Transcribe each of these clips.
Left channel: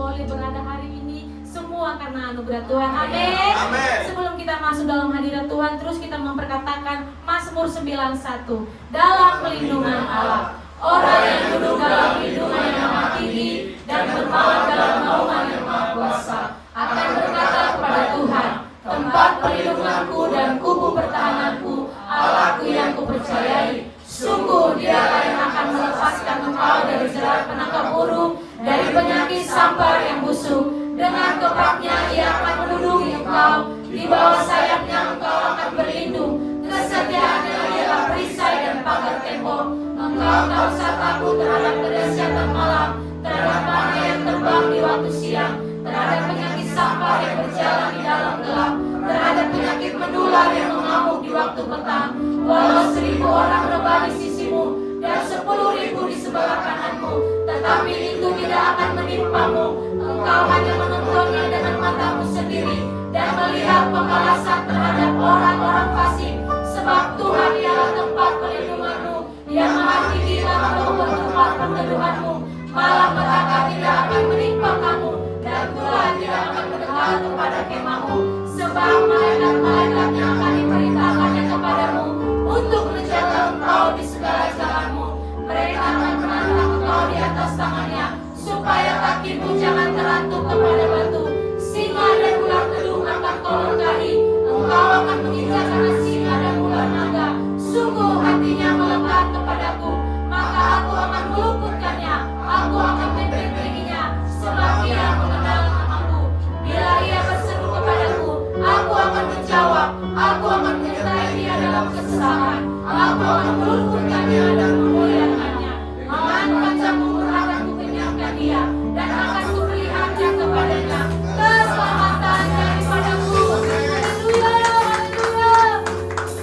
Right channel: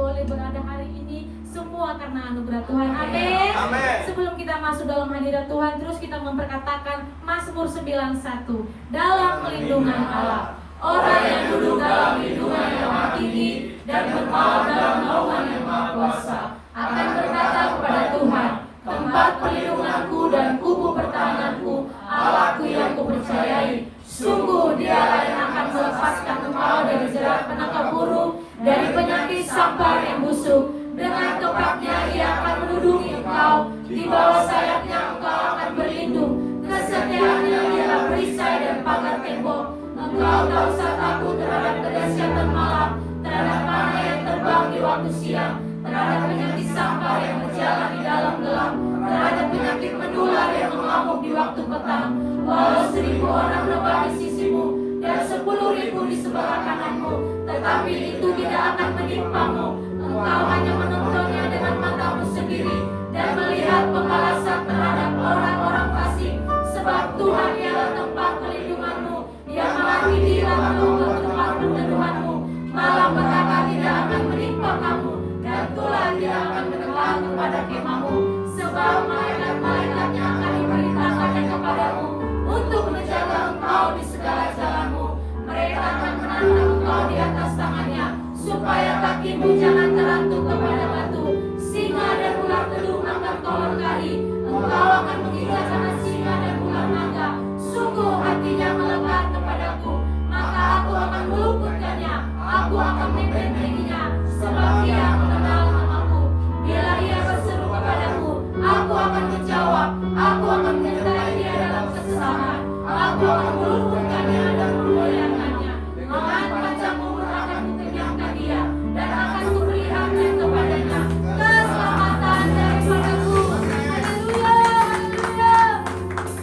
boleh berada hari ini, semua karena anugerah Tuhan. Amin. Amin. Sebelum kita masuk dalam hadirat Tuhan, terus kita memperkatakan Mazmur 91. Dalam pelindungan Allah, orang yang duduk dalam lindungan yang maha tinggi dan bermalam dalam naungan yang maha kuasa akan berkata kepada Tuhan, tempat pelindunganku dan kubu pertahananku, Allahku yang kupercayai. Sungguh dialah yang akan melepaskan engkau dari jerat penangkap burung, dari penyakit sampar yang busuk. Dengan kepaknya ia akan melindungi engkau, di bawah sayapnya engkau akan berlindung. Kesetiaannya ialah perisai dan pagar tembok. Engkau tak usah takut terhadap kedahsyatan malam, terhadap panah yang terbang di waktu siang, terhadap penyakit sampar yang berjalan di dalam gelap, terhadap penyakit menular yang mengamuk di waktu petang. Walau 1000 orang rebah di sisimu dan 10.000 di sebelah kananmu, tetapi itu tidak akan menimpamu. Engkau hanya menontonnya dengan matamu sendiri dan melihat pembalasan terhadap orang-orang fasik. Sebab Tuhan ialah tempat pelindunganmu, Dia maha tinggi dan meluput tempat perteduhanmu. Malam petaka tidak akan menimpa kamu, dan tulah tidak akan mendekat kepada kemahmu. Sebab malaikat-malaikatnya akan diperintahkannya kepadamu untuk menjaga engkau di segala jalanmu. Mereka akan menantang engkau di atas tangannya, supaya kakimu jangan terantuk kepada batu. Singa dan ular kedung akan kau langgahi, engkau akan menginjak anak singa dan ular naga. Sungguh hatinya melekat kepadaku, maka aku akan meluputkannya, aku akan membentenginya, sebab dia mengenal namaku. Bila ia berseru kepadaku, aku akan menjawab, aku akan menyertai dia dalam kesesakan, aku akan meluputkannya dan memuliakannya. Dengan panjangmu akan kukenyangkan dia, dan akan kuperlihatkan kepadanya keselamatan daripadaku. Haleluya, haleluya.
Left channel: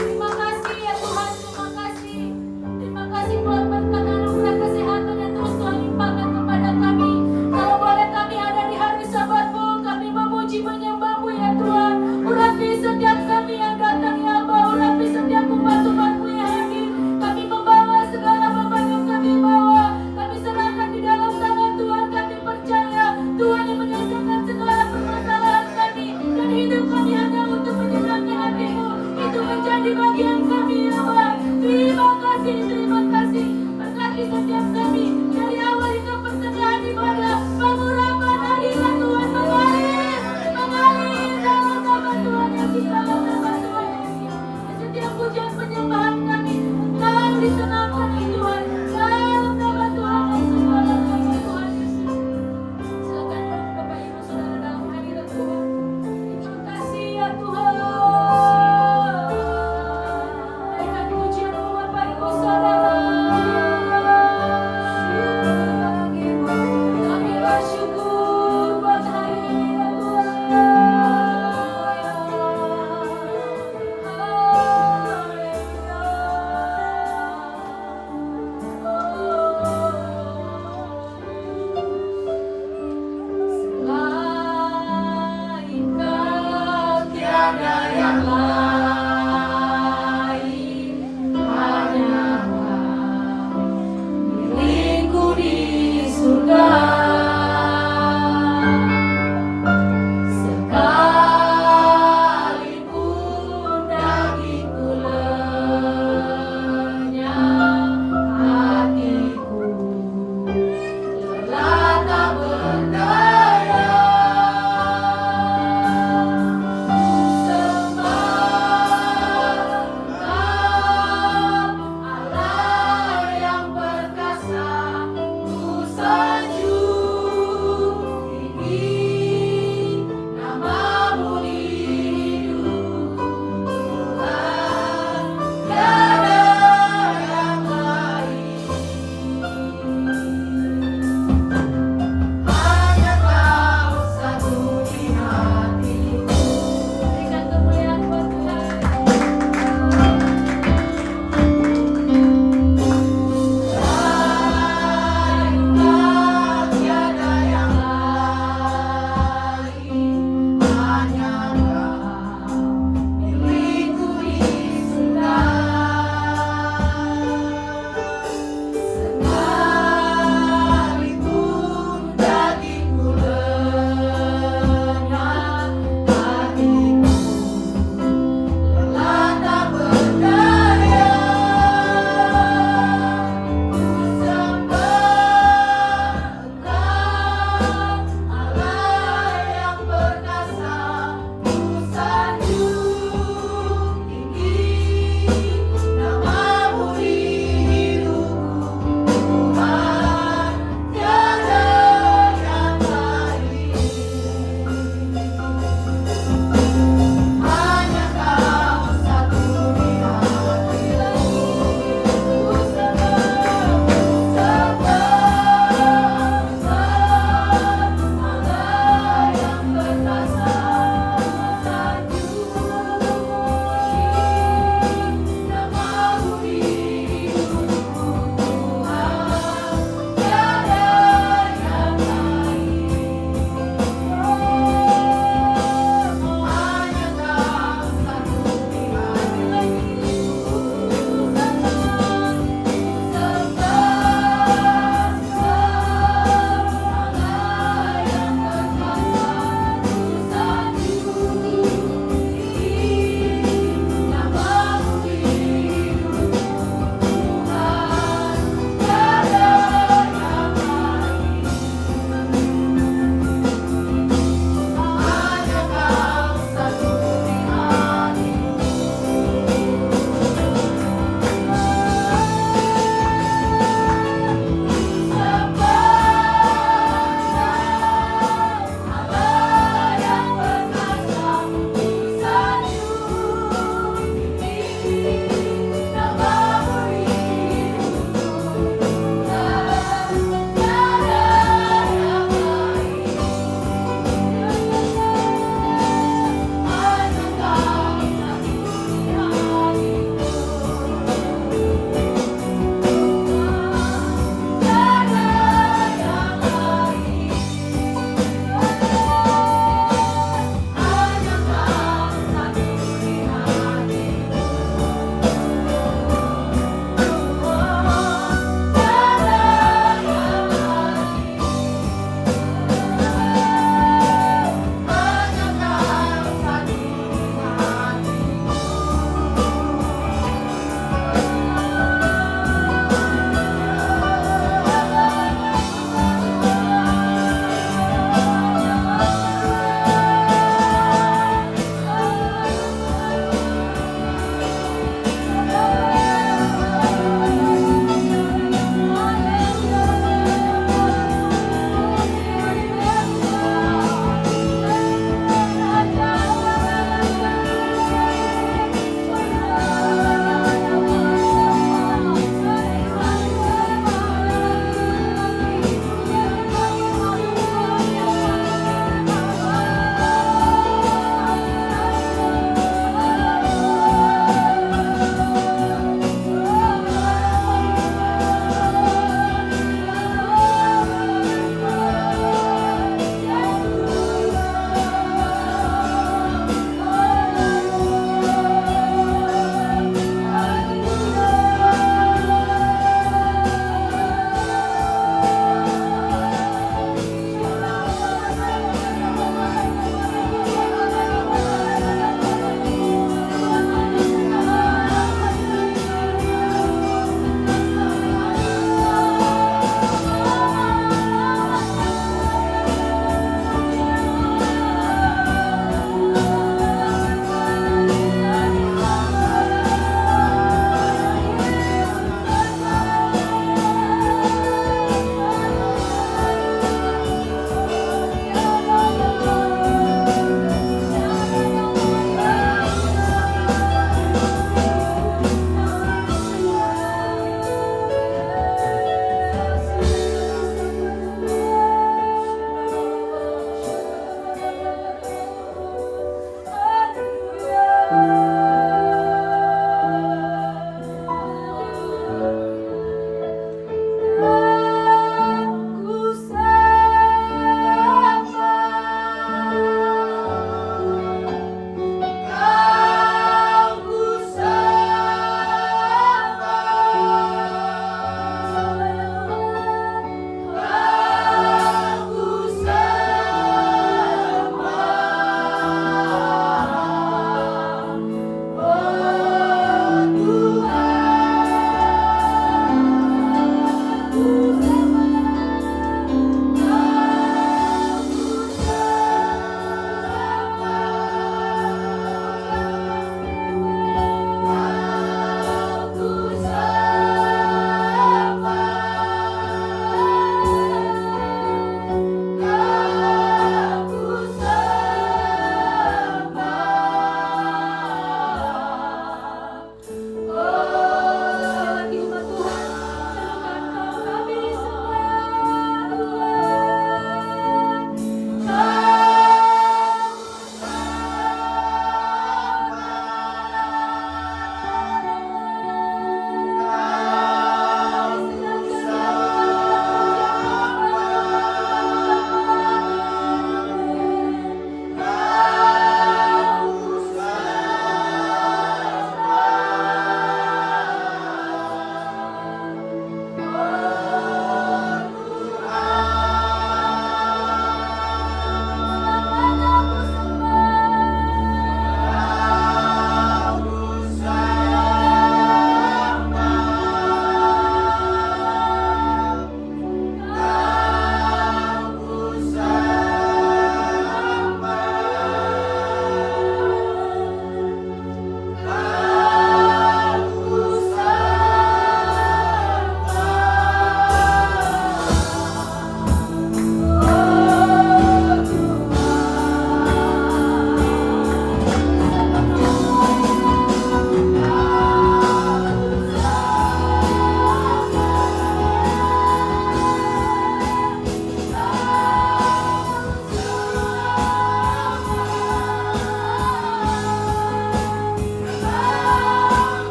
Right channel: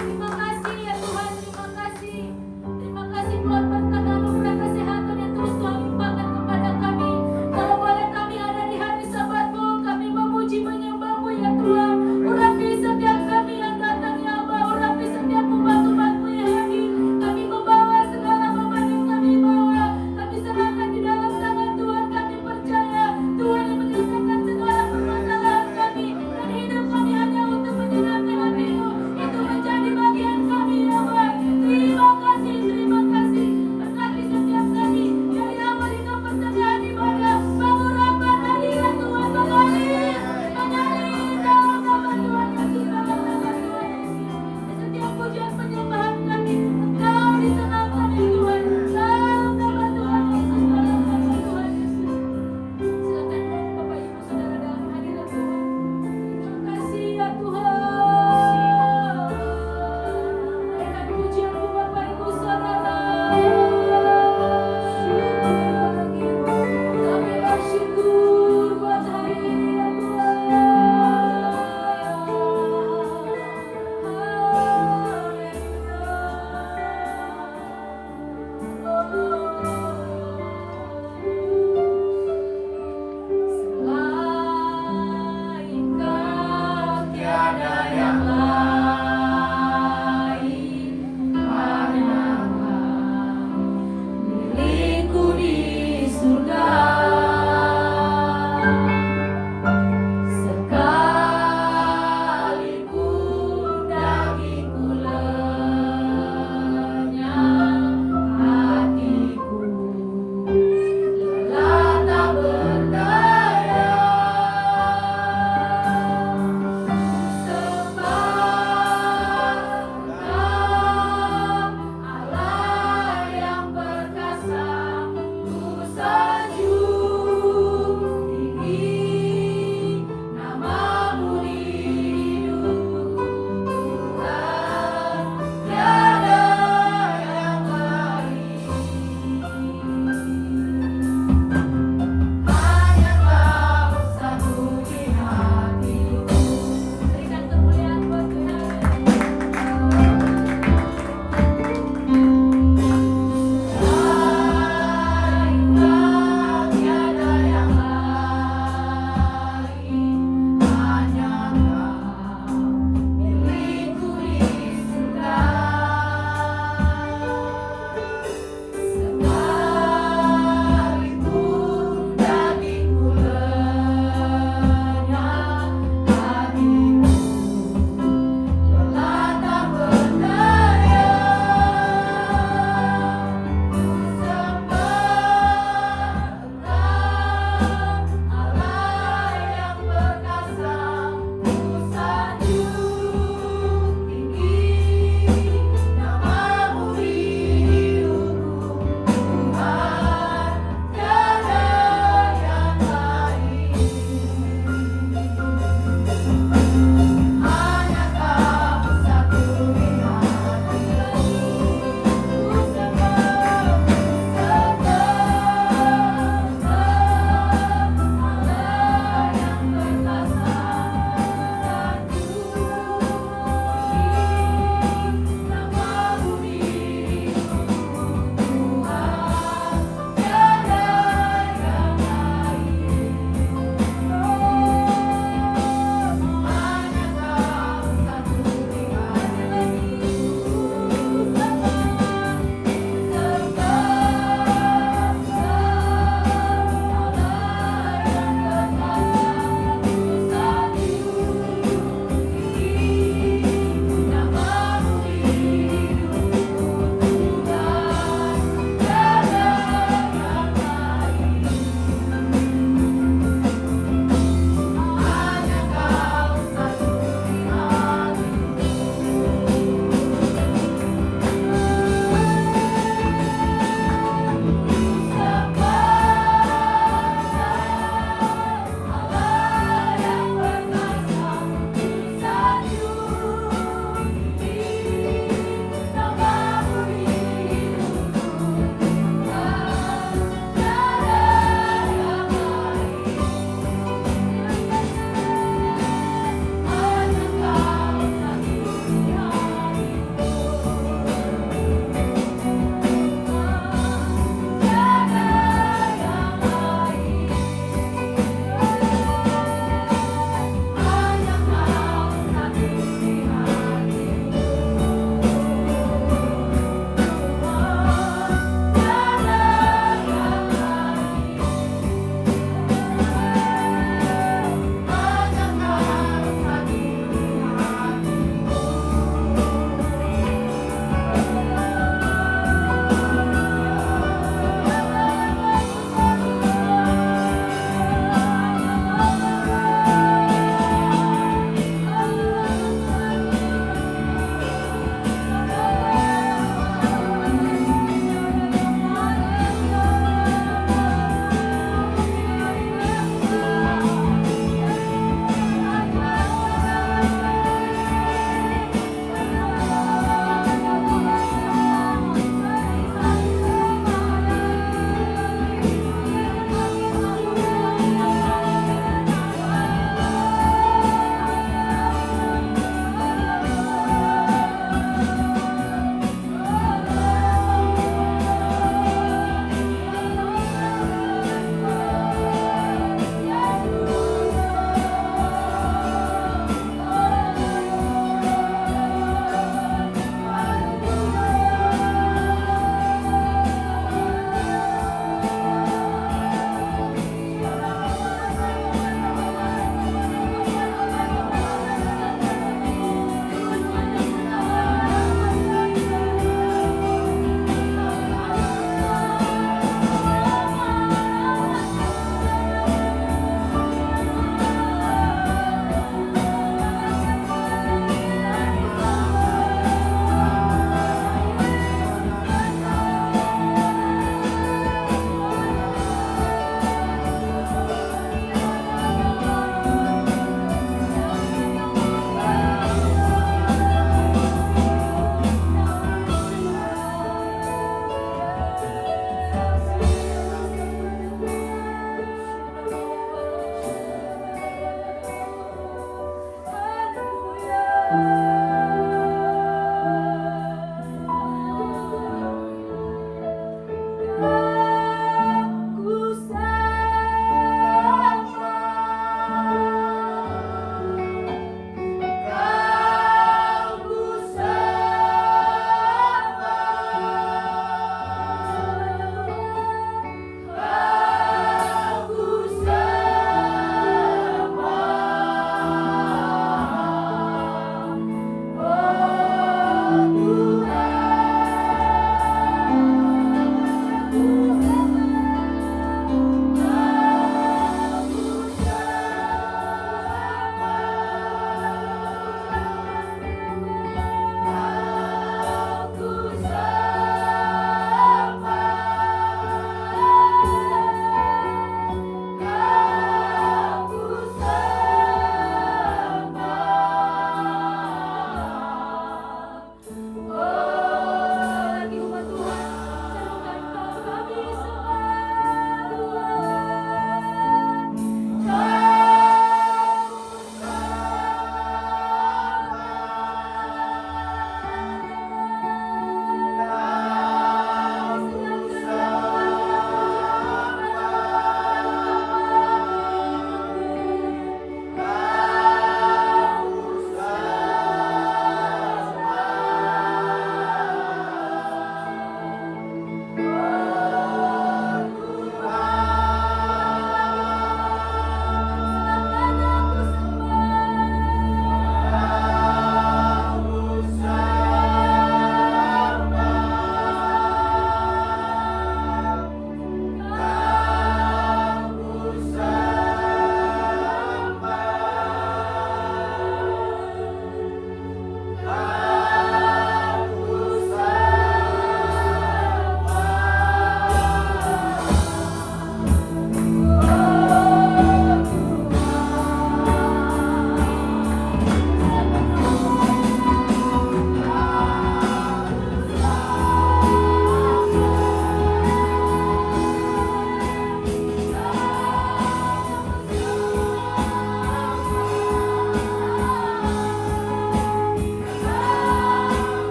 Terima kasih ya Tuhan, terima kasih. Terima kasih buat berkat anugerah kesehatan yang terus Tuhan limpahkan kepada kami. Kalau boleh kami ada di hari Sabat-Mu, kami memuji menyembah-Mu ya Tuhan. Urapi setiap kami yang datang ya Allah, urapi setiap umat-umat-Mu yang hadir. Kami membawa segala beban yang kami bawa, kami serahkan di dalam tangan Tuhan. Kami percaya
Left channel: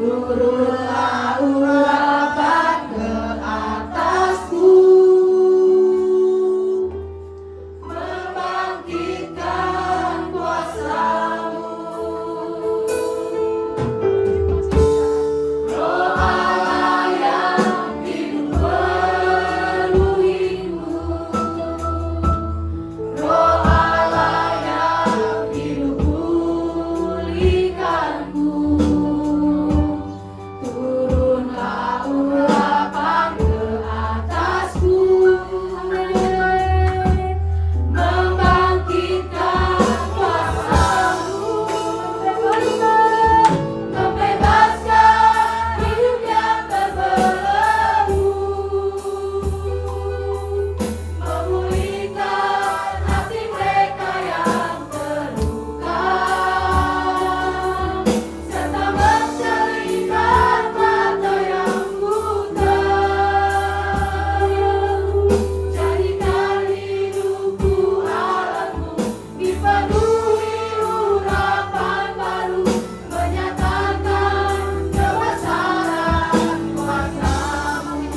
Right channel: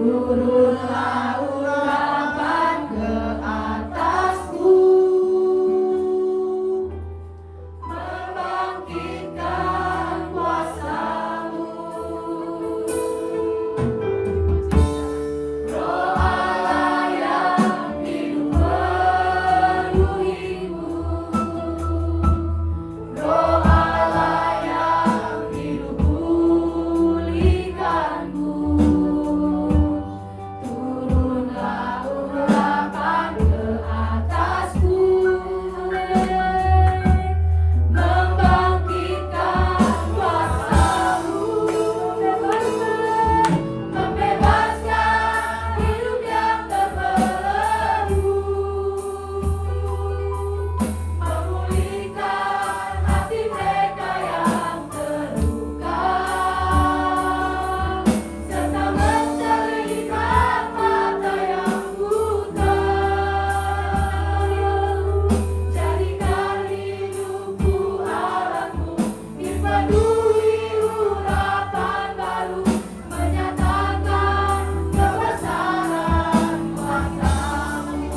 turunlah urapan ke atasku, membangkitkan kuasa-Mu. Roh Allah yang hidup penuhiku, Roh Allah yang hidup pulihkanku. Turunlah urapan ke atasku, membangkitkan kuasa-Mu, membebaskan hidup yang terbelenggu, memulihkan hati mereka yang terluka, serta mencerahkan mata yang buta. Jadikan hidupku alatmu, dipenuhi urapan baru, menyatakan kebesaran kuasa-Mu.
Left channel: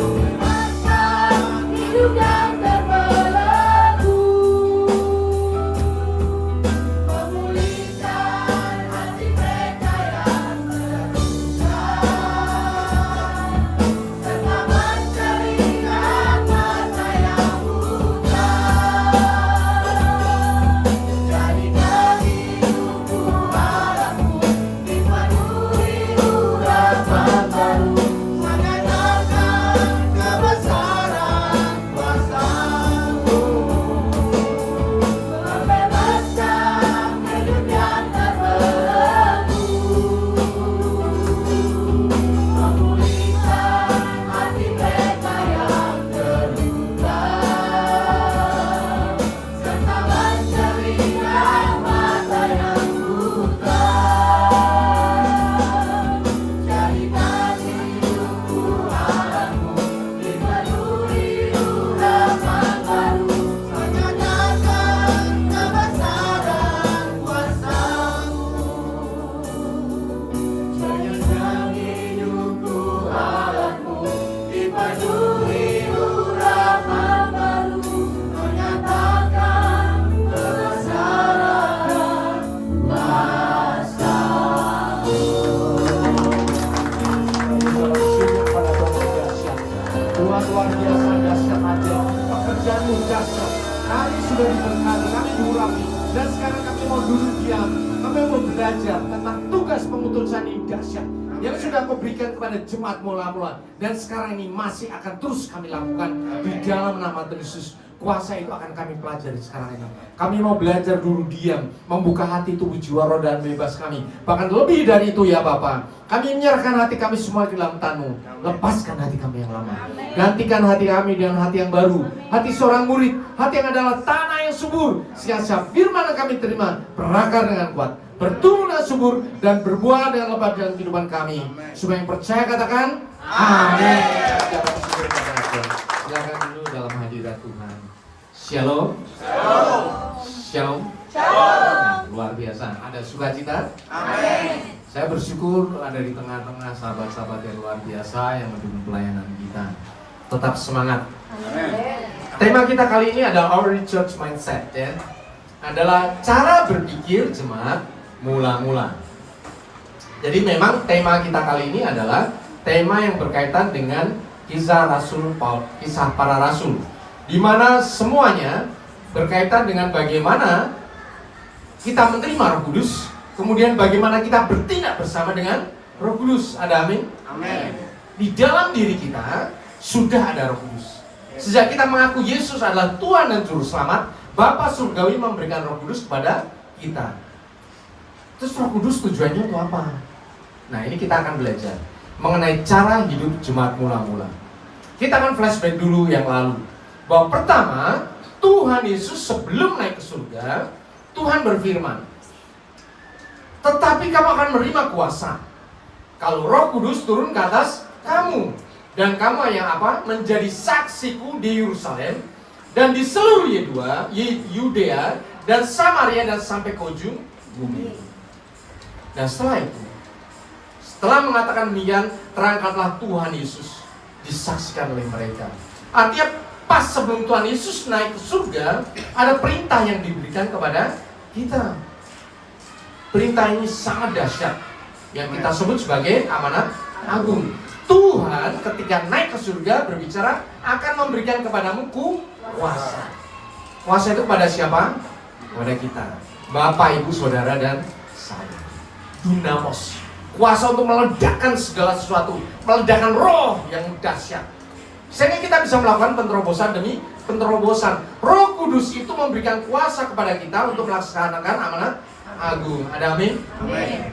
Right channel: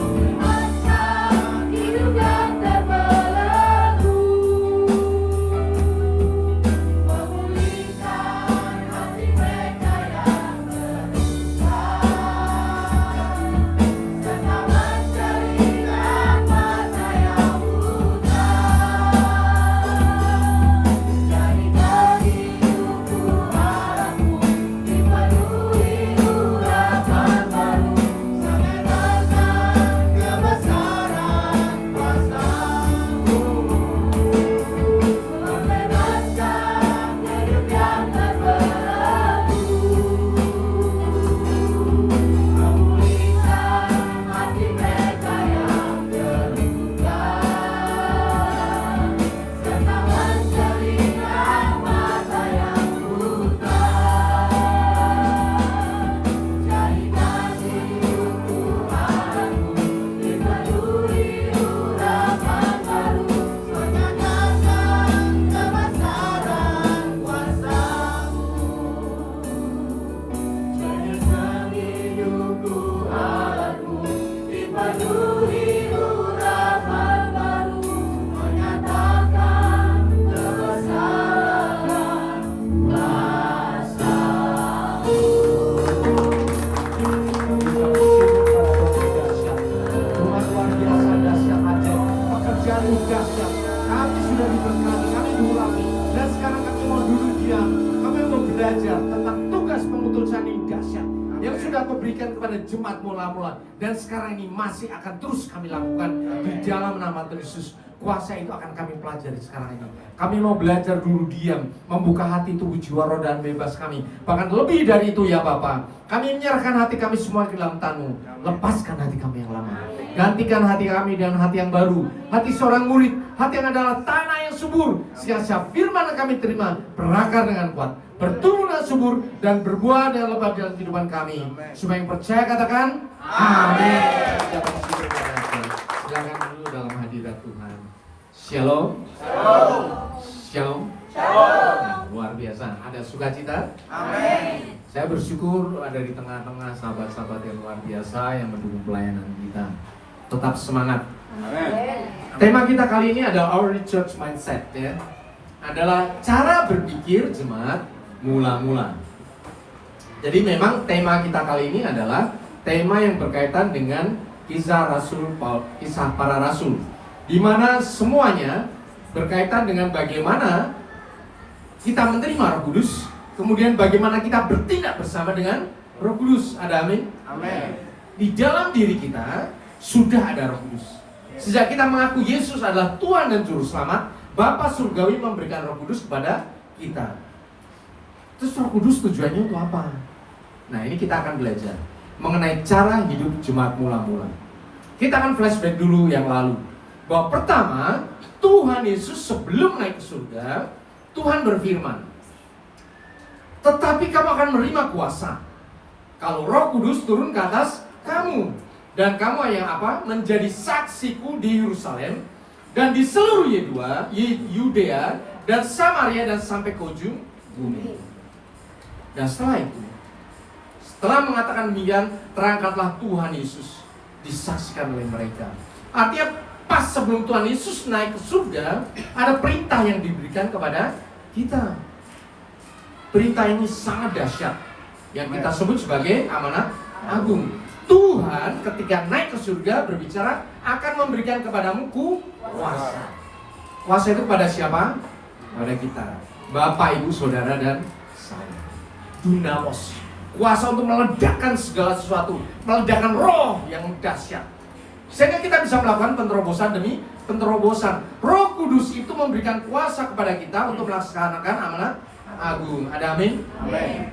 Membebaskan hidup yang terbelenggu, memulihkan hati mereka yang terluka, serta mencerahkan mata yang buta. Jadikan hidupku alatmu, dipenuhi urapan baru, menyatakan kebesaran kuasa-Mu. Membebaskan hidup yang terbelenggu, memulihkan hati mereka yang terluka, serta mencerahkan mata yang buta. Jadikan hidupku alatmu, dipenuhi urapan baru, menyatakan kebesaran kuasa-Mu. Jadikan hidupku alatmu, dipenuhi urapan baru, menyatakan kebesaran kuasa-Mu. Tuhan luar biasa, dahsyat aja. Pekerjaanmu dahsyat. Kami sudah diberkati, kami diurapi. Dan sekarang kami mau duduk diam. Kami mau belajar tentang tugas pemutusan ini dahsyat yang sudah Kau berikan kepada jemaat mula-mula. Dan sekarang ini masih akan terus kami lakukan di dalam nama Tuhan Yesus. Kuasa itu akan kami pelajari sekarang ini. Kami mau belajar dulu diam, membuka hati, tubuh, jiwa, roh, dan bebas kami. Bahkan lebih dari itu ya Bapa. Kami menyerahkan hati kami semua ke dalam tangan-Mu. Lepaskan hati kami yang lama. Gantikan hati kami dengan hati yang baru. Hati seorang murid, hati yang adalah tanah yang subur. Sehingga firman yang kami terima berakar dengan kuat, bertumbuh dan subur, dan berbuah dengan lebat dalam kehidupan kami. Supaya yang percaya katakan amin. Silakan dulu dalam hadirat Tuhan. Shalom. Shalom. Nah, luar biasa. Ada sukacita? Amin. Saya bersyukur ada di tengah-tengah sahabat-sahabat yang luar biasa yang mendukung pelayanan kita. Tetap semangat. Tema kita kali ini adalah Our Church Mindset, ya. Adalah cara berpikir jemaat mula-mula. Jadi memang tema kita kali ini adalah tema yang berkaitan dengan kisah Rasul Paul, kisah para rasul, di mana semuanya berkaitan dengan bagaimana kita menerima Roh Kudus, kemudian bagaimana kita bertindak bersama dengan Roh Kudus. Ada amin? Amin. Di dalam diri kita sudah ada Roh Kudus. Sejak kita mengaku Yesus adalah Tuhan dan Juru Selamat, Bapa Surgawi memberikan Roh Kudus kepada kita. Terus Roh Kudus tujuannya untuk apa? Nah, ini kita akan belajar mengenai cara hidup jemaat mula-mula. Kita akan flashback dulu yang lalu. Bahwa pertama, Tuhan Yesus sebelum naik ke surga, Tuhan berfirman, tetapi kamu akan menerima kuasa kalau Roh Kudus turun ke atas kamu, dan kamu yang apa? Menjadi saksiku di Yerusalem dan di seluruh Yudea dan Samaria dan sampai ke ujung bumi. Dan setelah mengatakan demikian, terangkatlah Tuhan Yesus, disaksikan oleh mereka. Artinya pas sebelum Tuhan Yesus naik ke surga, ada perintah yang diberikan kepada kita. Perintah ini sangat dahsyat, yang kita sebut sebagai amanat agung. Tuhan ketika naik ke surga berbicara akan memberikan kepadamu kuasa. Kuasa itu kepada siapa? Kepada kita, Bapak, Ibu, Saudara, dan saya. Dunamos, kuasa untuk meledakkan segala sesuatu, meledakkan roh yang dahsyat, sehingga kita bisa melakukan penterobosan demi penterobosan. Roh Kudus itu memberikan kuasa kepada kita untuk melaksanakan amanat agung. Ada amin? Amin.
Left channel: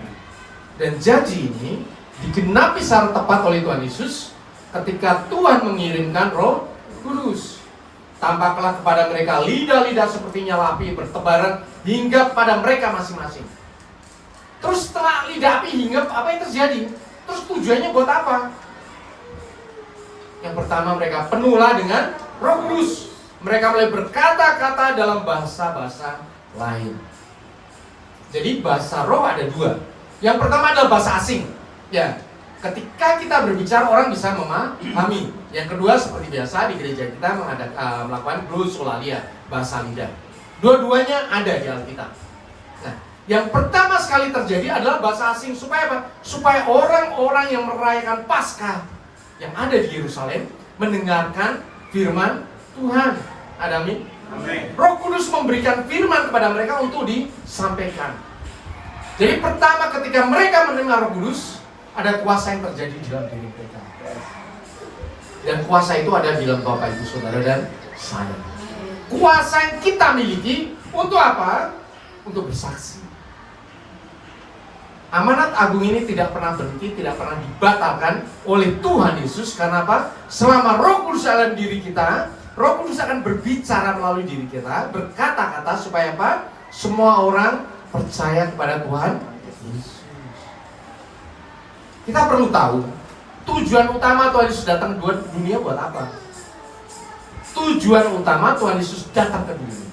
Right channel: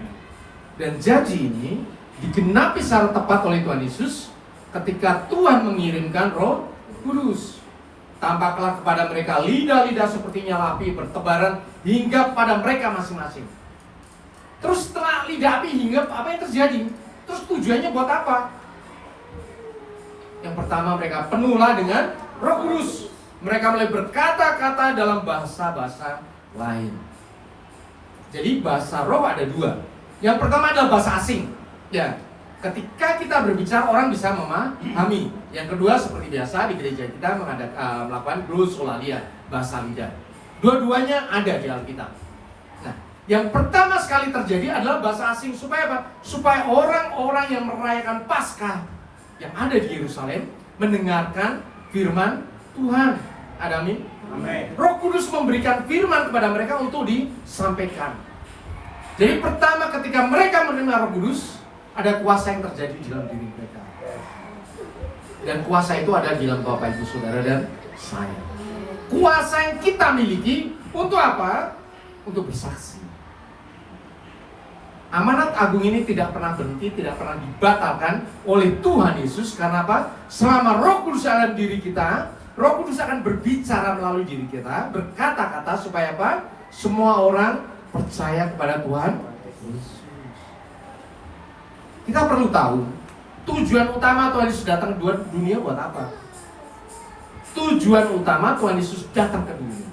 Dan janji ini digenapi secara tepat oleh Tuhan Yesus ketika Tuhan mengirimkan Roh Kudus. Tampaklah kepada mereka lidah-lidah seperti nyala api bertebaran hingga pada mereka masing-masing. Terus setelah lidah api hinggap, apa yang terjadi? Terus tujuannya buat apa? Yang pertama, mereka penuhlah dengan Roh Kudus. Mereka mulai berkata-kata dalam bahasa-bahasa lain. Jadi bahasa roh ada dua. Yang pertama adalah bahasa asing. Ya, ketika kita berbicara orang bisa memahami. Yang kedua seperti biasa di gereja kita melakukan glosolalia, bahasa lidah. Dua-duanya ada di Alkitab. Nah, yang pertama sekali terjadi adalah bahasa asing. Supaya apa? Supaya orang-orang yang merayakan Paskah yang ada di Yerusalem mendengarkan firman Tuhan. Ada amin? Amin. Roh Kudus memberikan firman kepada mereka untuk disampaikan. Jadi pertama ketika mereka menerima Roh Kudus, ada kuasa yang terjadi di dalam diri mereka. Dan kuasa itu ada di dalam Bapak, Ibu, Saudara, dan saya. Kuasa yang kita miliki untuk apa? Untuk bersaksi. Amanat agung ini tidak pernah berhenti, tidak pernah dibatalkan oleh Tuhan Yesus. Karena apa? Selama Roh Kudus dalam diri kita, Roh Kudus akan berbicara melalui diri kita, berkata-kata supaya apa? Semua orang percaya kepada Tuhan Yesus. Kita perlu tahu tujuan utama Tuhan Yesus datang ke dunia buat apa? Tujuan utama Tuhan Yesus datang ke dunia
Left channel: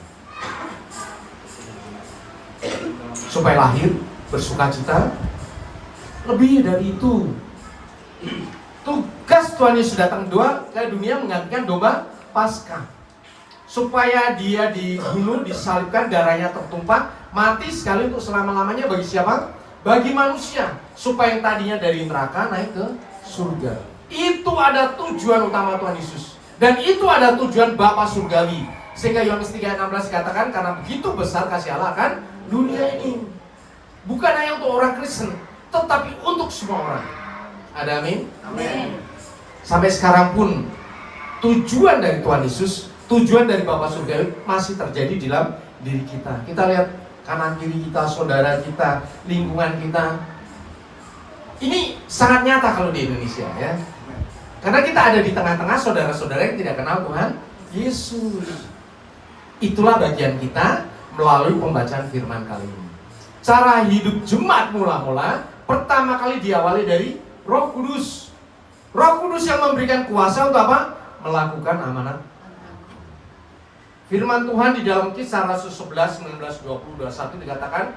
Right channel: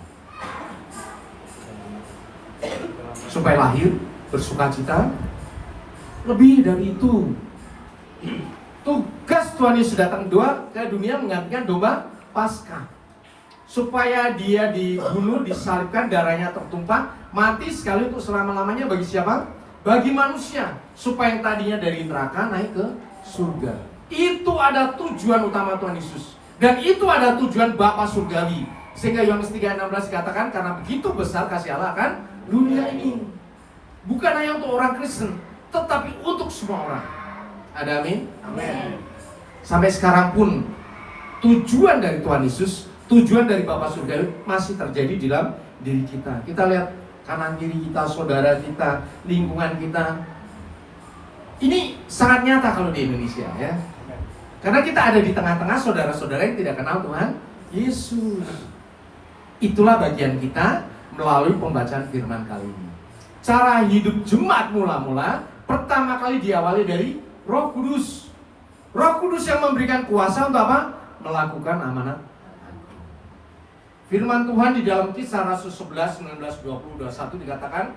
supaya lahir, bersukacita. Lebih dari itu, tugas Tuhan Yesus datang ke dunia menggantikan domba Paskah, supaya dia dibunuh, disalibkan, darahnya tertumpah, mati sekali untuk selama-lamanya. Bagi siapa? Bagi manusia, supaya yang tadinya dari neraka naik ke surga. Itu ada tujuan utama Tuhan Yesus, dan itu ada tujuan Bapa surgawi. Sehingga Yohanes 3:16 dikatakan, karena begitu besar kasih Allah akan dunia ini. Bukan hanya untuk orang Kristen, tetapi untuk semua orang. Ada amin? Amin. Sampai sekarang pun tujuan dari Tuhan Yesus, tujuan dari Bapa surgawi masih terjadi di dalam diri kita. Kita lihat kanan kiri kita, saudara kita, lingkungan kita. Ini sangat nyata kalau di Indonesia, ya. Karena kita ada di tengah-tengah saudara-saudara yang tidak kenal Tuhan Yesus. Itulah bagian kita melalui pembacaan firman kali ini. Cara hidup jemaat mula-mula pertama kali diawali dari Roh Kudus. Roh Kudus yang memberikan kuasa untuk apa? Melakukan amanat. Firman Tuhan di dalam Kisah Rasul 11, 19, 20, 21 dikatakan,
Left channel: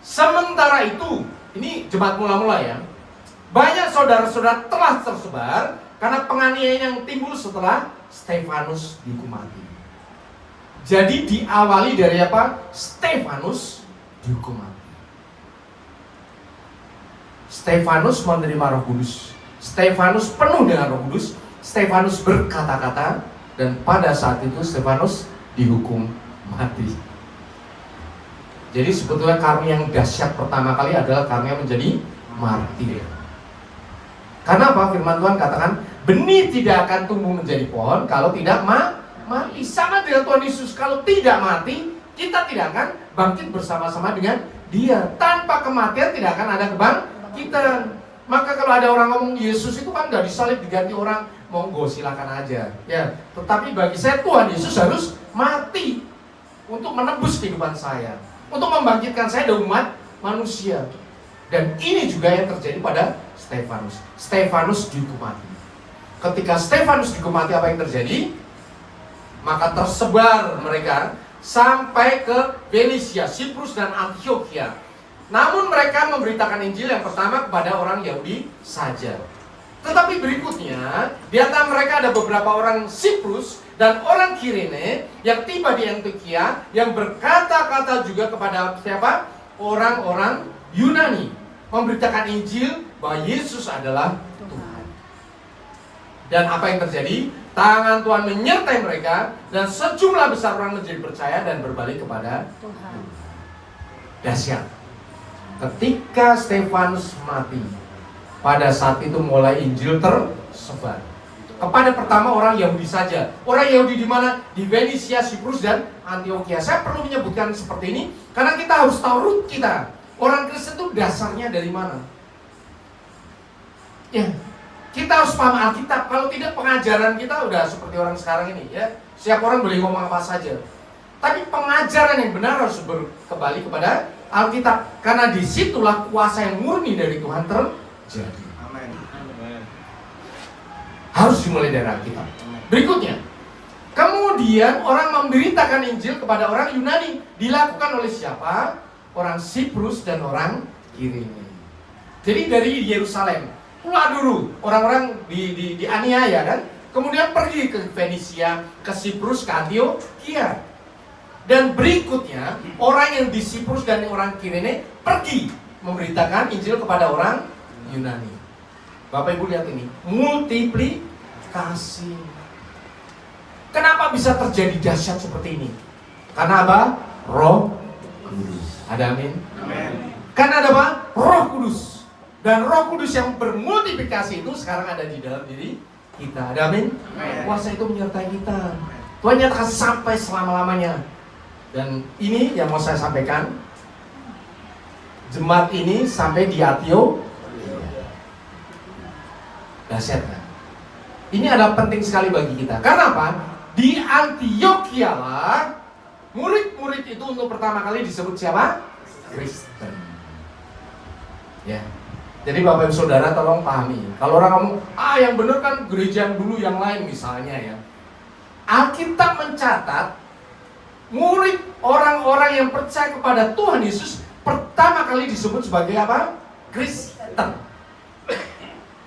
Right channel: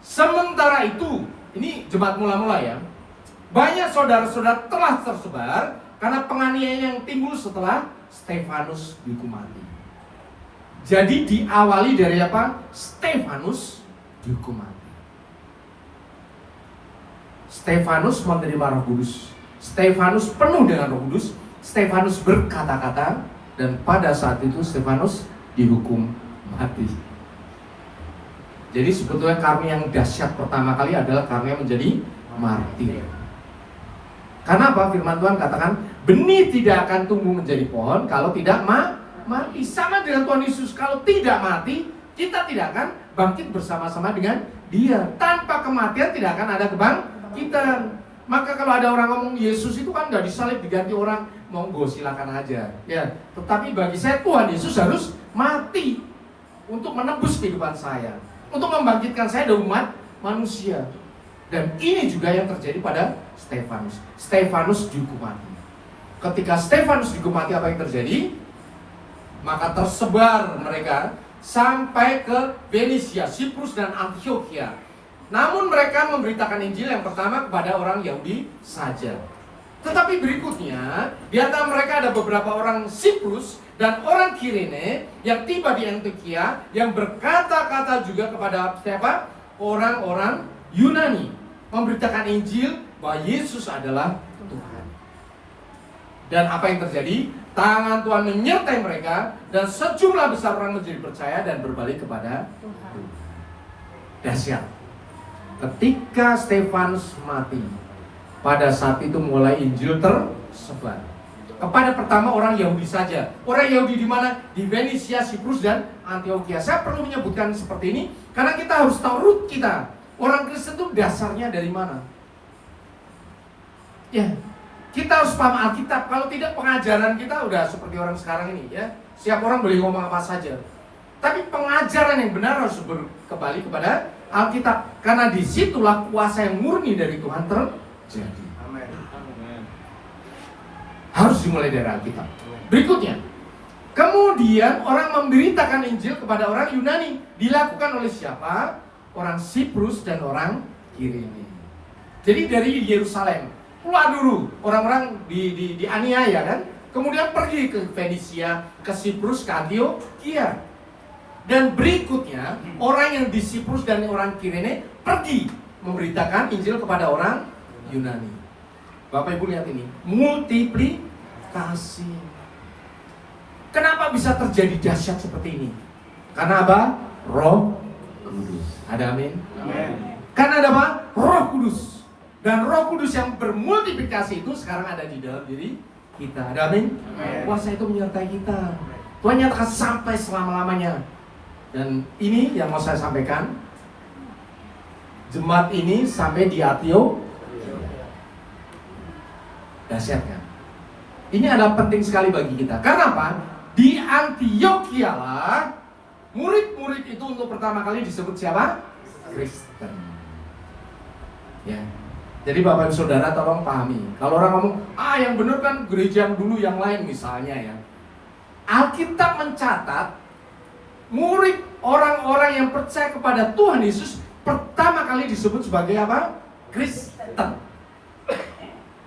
sementara itu, ini jemaat mula-mula ya, banyak saudara-saudara telah tersebar karena penganiayaan yang timbul setelah Stefanus dihukum mati. Jadi diawali dari apa? Stefanus dihukum mati. Stefanus menerima Roh Kudus. Stefanus penuh dengan Roh Kudus. Stefanus berkata-kata, dan pada saat itu Stefanus dihukum mati. Jadi sebetulnya karya yang dahsyat pertama kali adalah karya menjadi martir. Karena apa? Firman Tuhan katakan, benih tidak akan tumbuh menjadi pohon kalau tidak mati. Sama dengan Tuhan Yesus, kalau tidak mati, kita tidak akan bangkit bersama-sama dengan Dia. Tanpa kematian tidak akan ada kebangkitan. Maka kalau ada orang ngomong Yesus itu kan nggak disalib diganti orang, monggo silakan aja. Ya, tetapi bagi saya Tuhan Yesus harus mati untuk menebus kehidupan saya, untuk membangkitkan saya dari umat manusia. Dan ini juga yang terjadi pada Stefanus. Stefanus dihukum mati. Ketika Stefanus dihukum mati, apa yang terjadi? Maka tersebar mereka sampai ke Fenisia, Siprus, dan Antioquia. Namun mereka memberitakan Injil yang pertama kepada orang Yahudi saja. Tetapi berikutnya, di antara mereka ada beberapa orang Siprus dan orang Kirene yang tiba di Antioquia yang berkata-kata juga kepada siapa? Orang-orang Yunani, memberitakan Injil bahwa Yesus adalah Tuhan. Dan apa yang terjadi? Tangan Tuhan menyertai mereka dan sejumlah besar orang menjadi percaya dan berbalik kepada Tuhan. Dahsyat. Ketika Stefanus mati, pada saat itu mulai Injil tersebar kepada pertama orang Yahudi saja. Orang Yahudi di mana? Di Venesia, Siprus, dan Antioquia. Saya perlu menyebutkan seperti ini karena kita harus tahu root kita. Orang Kristen itu dasarnya dari mana? Ya, kita harus paham Alkitab. Kalau tidak, pengajaran kita udah seperti orang sekarang ini, ya. Setiap orang boleh ngomong apa saja. Tapi pengajaran yang benar harus kembali kepada Alkitab, karena disitulah kuasa yang murni dari Tuhan terjadi. Amin. Harus dimulai dari Alkitab. Berikutnya, kemudian orang memberitakan Injil kepada orang Yunani. Dilakukan oleh siapa? Orang Siprus dan orang Kirene. Jadi dari Yerusalem keluar dulu orang-orang dianiaya kan, kemudian pergi ke Venesia, ke Siprus, ke Antioquia. Dan berikutnya orang yang di Siprus dan orang Kirene pergi memberitakan Injil kepada orang Yunani. Bapak Ibu lihat ini, multiplikasi. Kenapa bisa terjadi dahsyat seperti ini? Karena apa? Roh Kudus. Ada amin? Amin. Karena ada apa? Roh Kudus. Dan Roh Kudus yang bermultiplikasi itu sekarang ada di dalam diri kita. Ada amin? Amin. Kuasa itu menyertai kita. Tuhan nyatakan sampai selama-lamanya. Dan ini yang mau saya sampaikan. Jemaat ini sampai di Antioquia. Dahsyat kan? Ini adalah penting sekali bagi kita. Karena apa? Di Antioquia lah murid-murid itu untuk pertama kali disebut siapa? Kristen. Ya. Jadi Bapak Ibu Saudara tolong pahami. Kalau orang ngomong, yang benar kan gereja yang dulu yang lain misalnya ya. Alkitab mencatat murid orang-orang yang percaya kepada Tuhan Yesus pertama kali disebut sebagai apa? Kristen.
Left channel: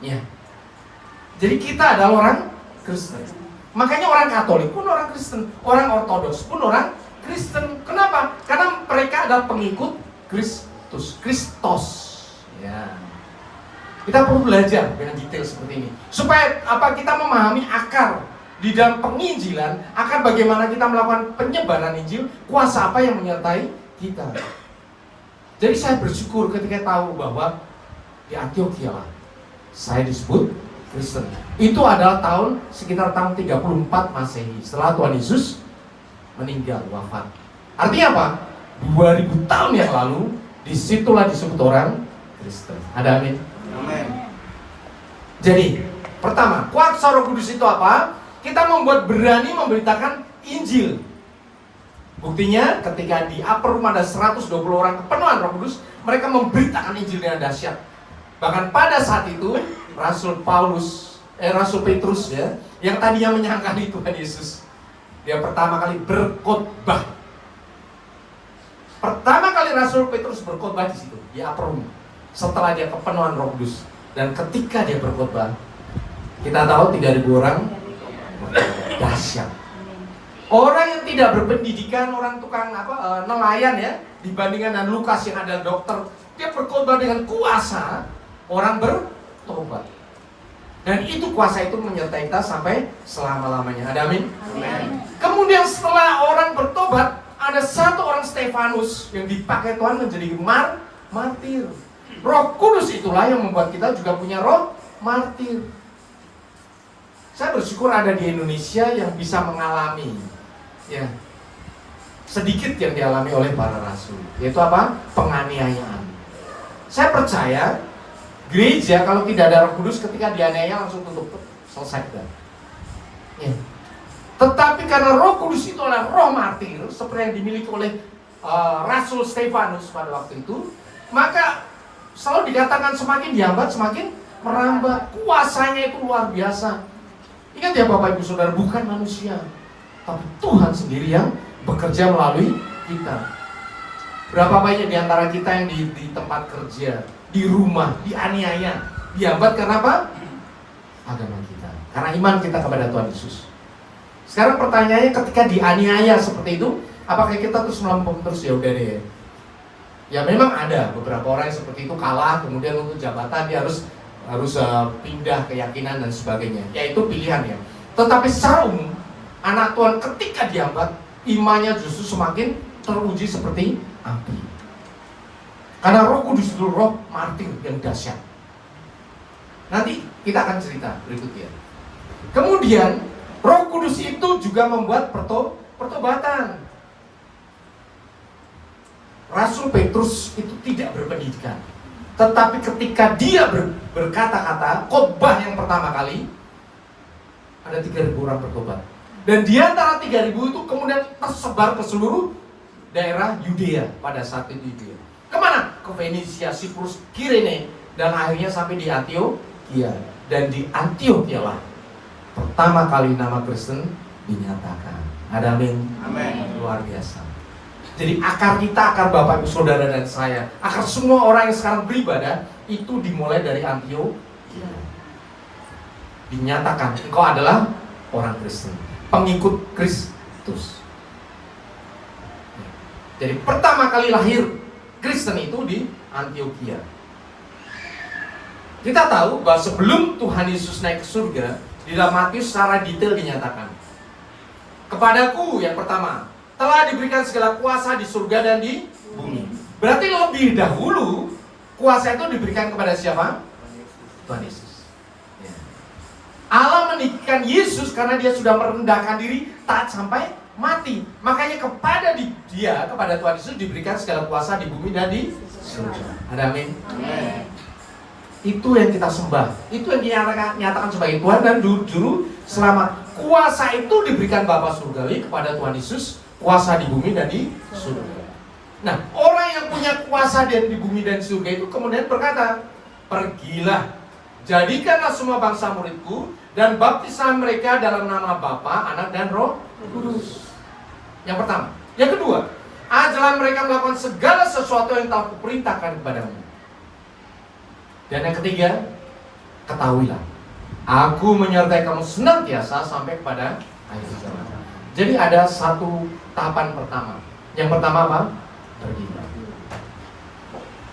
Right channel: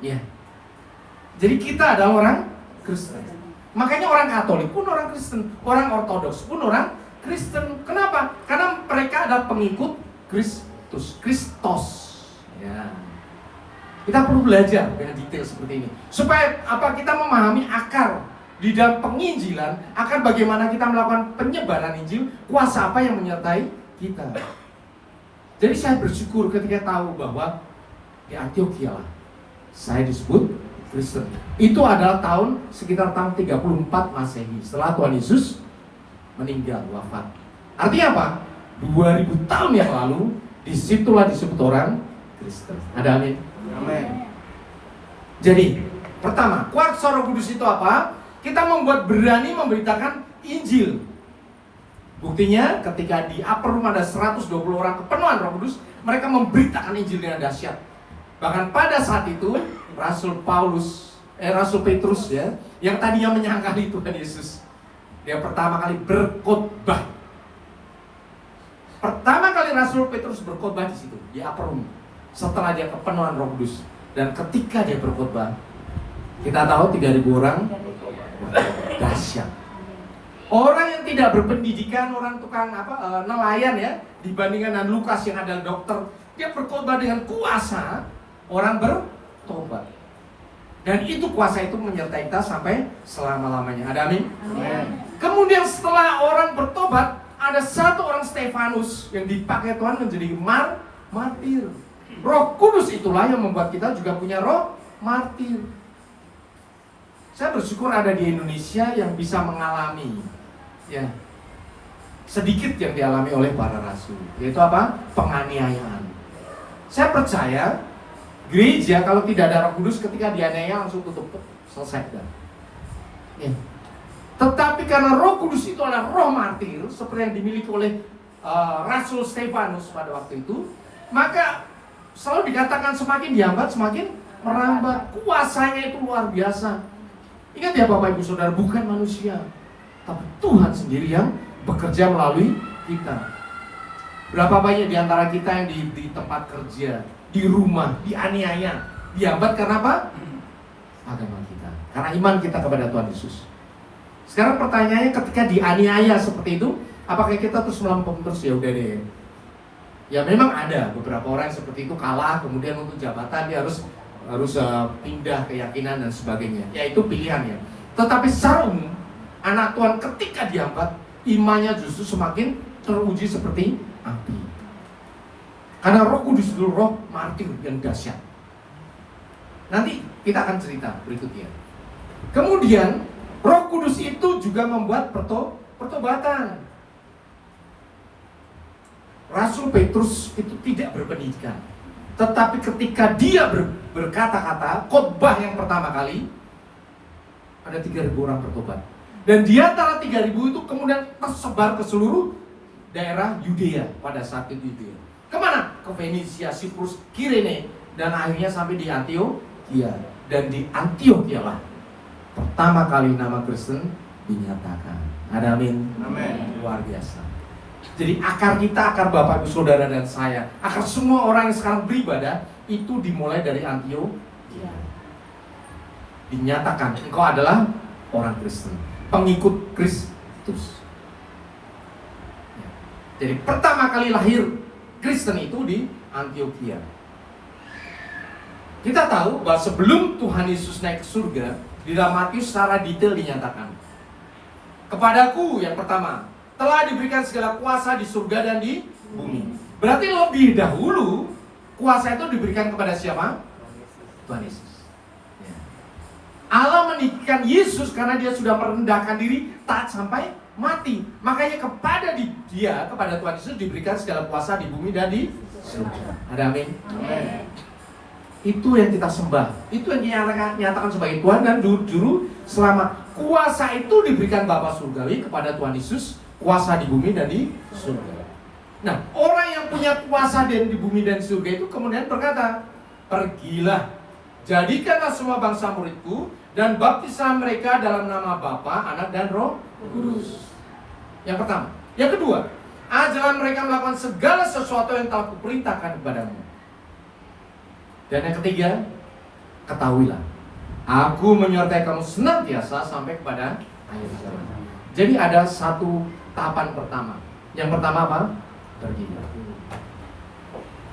Ya. Jadi kita adalah orang Kristen. Makanya orang Katolik pun orang Kristen, orang Ortodoks pun orang Kristen. Kenapa? Karena mereka adalah pengikut Kristus. Ya. Kita perlu belajar dengan detail seperti ini supaya apa? Kita memahami akar di dalam penginjilan, akan bagaimana kita melakukan penyebaran Injil, kuasa apa yang menyertai kita. Jadi saya bersyukur ketika tahu bahwa di Antioquia lah saya disebut Kristen. Itu adalah sekitar tahun 34 Masehi, setelah Tuhan Yesus meninggal, wafat. Artinya apa? 2000 tahun yang lalu, disitulah disebut orang Kristen. Ada amin? Amin. Jadi, pertama, kuasa Roh Kudus itu apa? Kita membuat berani memberitakan Injil. Buktinya ketika di upper room ada 120 orang kepenuhan Roh Kudus, mereka memberitakan Injil dengan dahsyat. Bahkan pada saat itu Rasul Petrus ya, yang tadinya menyangkali Tuhan Yesus, dia pertama kali berkhotbah. Pertama kali Rasul Petrus berkhotbah di situ, di upper room, setelah dia kepenuhan Roh Kudus. Dan ketika dia berkhotbah, kita tahu 3.000 orang dahsyat. Orang yang tidak berpendidikan, orang tukang nelayan ya, dibandingkan dengan Lukas yang adalah dokter, dia berkhotbah dengan kuasa, orang bertobat. Dan itu kuasa itu menyertai kita sampai selama-lamanya. Ada amin? Amin. Kemudian setelah orang bertobat, ada satu orang Stefanus yang dipakai Tuhan menjadi martir. Roh Kudus itulah yang membuat kita juga punya roh martir. Saya bersyukur ada di Indonesia yang bisa mengalami ya sedikit yang dialami oleh para rasul, yaitu apa? Penganiayaan. Saya percaya gereja kalau tidak ada Roh Kudus ketika dianiaya langsung tutup, selesai dah. Ya. Tetapi karena Roh Kudus itu adalah roh martir seperti yang dimiliki oleh Rasul Stefanus pada waktu itu, maka selalu dikatakan semakin dihambat semakin merambat. Kuasanya itu luar biasa. Ingat ya Bapak Ibu Saudara, bukan manusia, tapi Tuhan sendiri yang bekerja melalui kita. Berapa banyak di antara kita yang di tempat kerja, di rumah, dianiaya, dihambat karena apa? Agama kita, karena iman kita kepada Tuhan Yesus. Sekarang pertanyaannya, ketika dianiaya seperti itu, apakah kita terus melempem terus? Ya udah deh. Ya memang ada beberapa orang yang seperti itu, kalah, kemudian untuk jabatan dia harus pindah keyakinan dan sebagainya. Ya itu pilihan ya. Tetapi secara umum, anak Tuhan ketika dihambat, imannya justru semakin teruji seperti api. Karena Roh Kudus itu roh martir yang dahsyat. Nanti kita akan cerita berikutnya. Kemudian Roh Kudus itu juga membuat pertobatan. Rasul Petrus itu tidak berpendidikan, tetapi ketika dia berkata-kata, khotbah yang pertama kali, ada 3.000 orang bertobat. Dan di antara 3.000 itu kemudian tersebar ke seluruh daerah Yudea pada saat itu. Yudea. Kemana? Ke Fenisia, Siprus, Kirene, dan akhirnya sampai di Antioquia. Dan di Antioquia lah pertama kali nama Kristen dinyatakan. Ada amin? Amin. Luar biasa. Jadi akar kita, akar Bapak Ibu Saudara dan saya, akar semua orang yang sekarang beribadah, itu dimulai dari Antioquia. Dinyatakan, engkau adalah orang Kristen, pengikut Kristus. Jadi pertama kali lahir Kristen itu di Antioquia. Kita tahu bahwa sebelum Tuhan Yesus naik ke surga, di dalam Matius secara detail dinyatakan, kepadaku yang pertama telah diberikan segala kuasa di surga dan di bumi. Berarti lebih dahulu kuasa itu diberikan kepada siapa? Tuhan Yesus. Ya. Allah meninggikan Yesus karena dia sudah merendahkan diri taat sampai mati. Makanya kepada Tuhan Yesus diberikan segala kuasa di bumi dan di surga. Ada amin? Amin. Itu yang kita sembah. Itu yang dinyatakan sebagai Tuhan dan Juru Selamat. Kuasa itu diberikan Bapa Surgawi kepada Tuhan Yesus. Kuasa di bumi dan di surga. Nah, orang yang punya kuasa di bumi dan di surga itu kemudian berkata, pergilah, jadikanlah semua bangsa muridku, dan baptislah mereka dalam nama Bapa, Anak, dan Roh Kudus. Yang pertama. Yang kedua, ajarlah mereka melakukan segala sesuatu yang telah kuperintahkan kepadamu. Dan yang ketiga, ketahuilah, aku menyertai kamu senantiasa sampai kepada akhir zaman. Jadi ada satu tahapan pertama. Yang pertama apa? Pergi.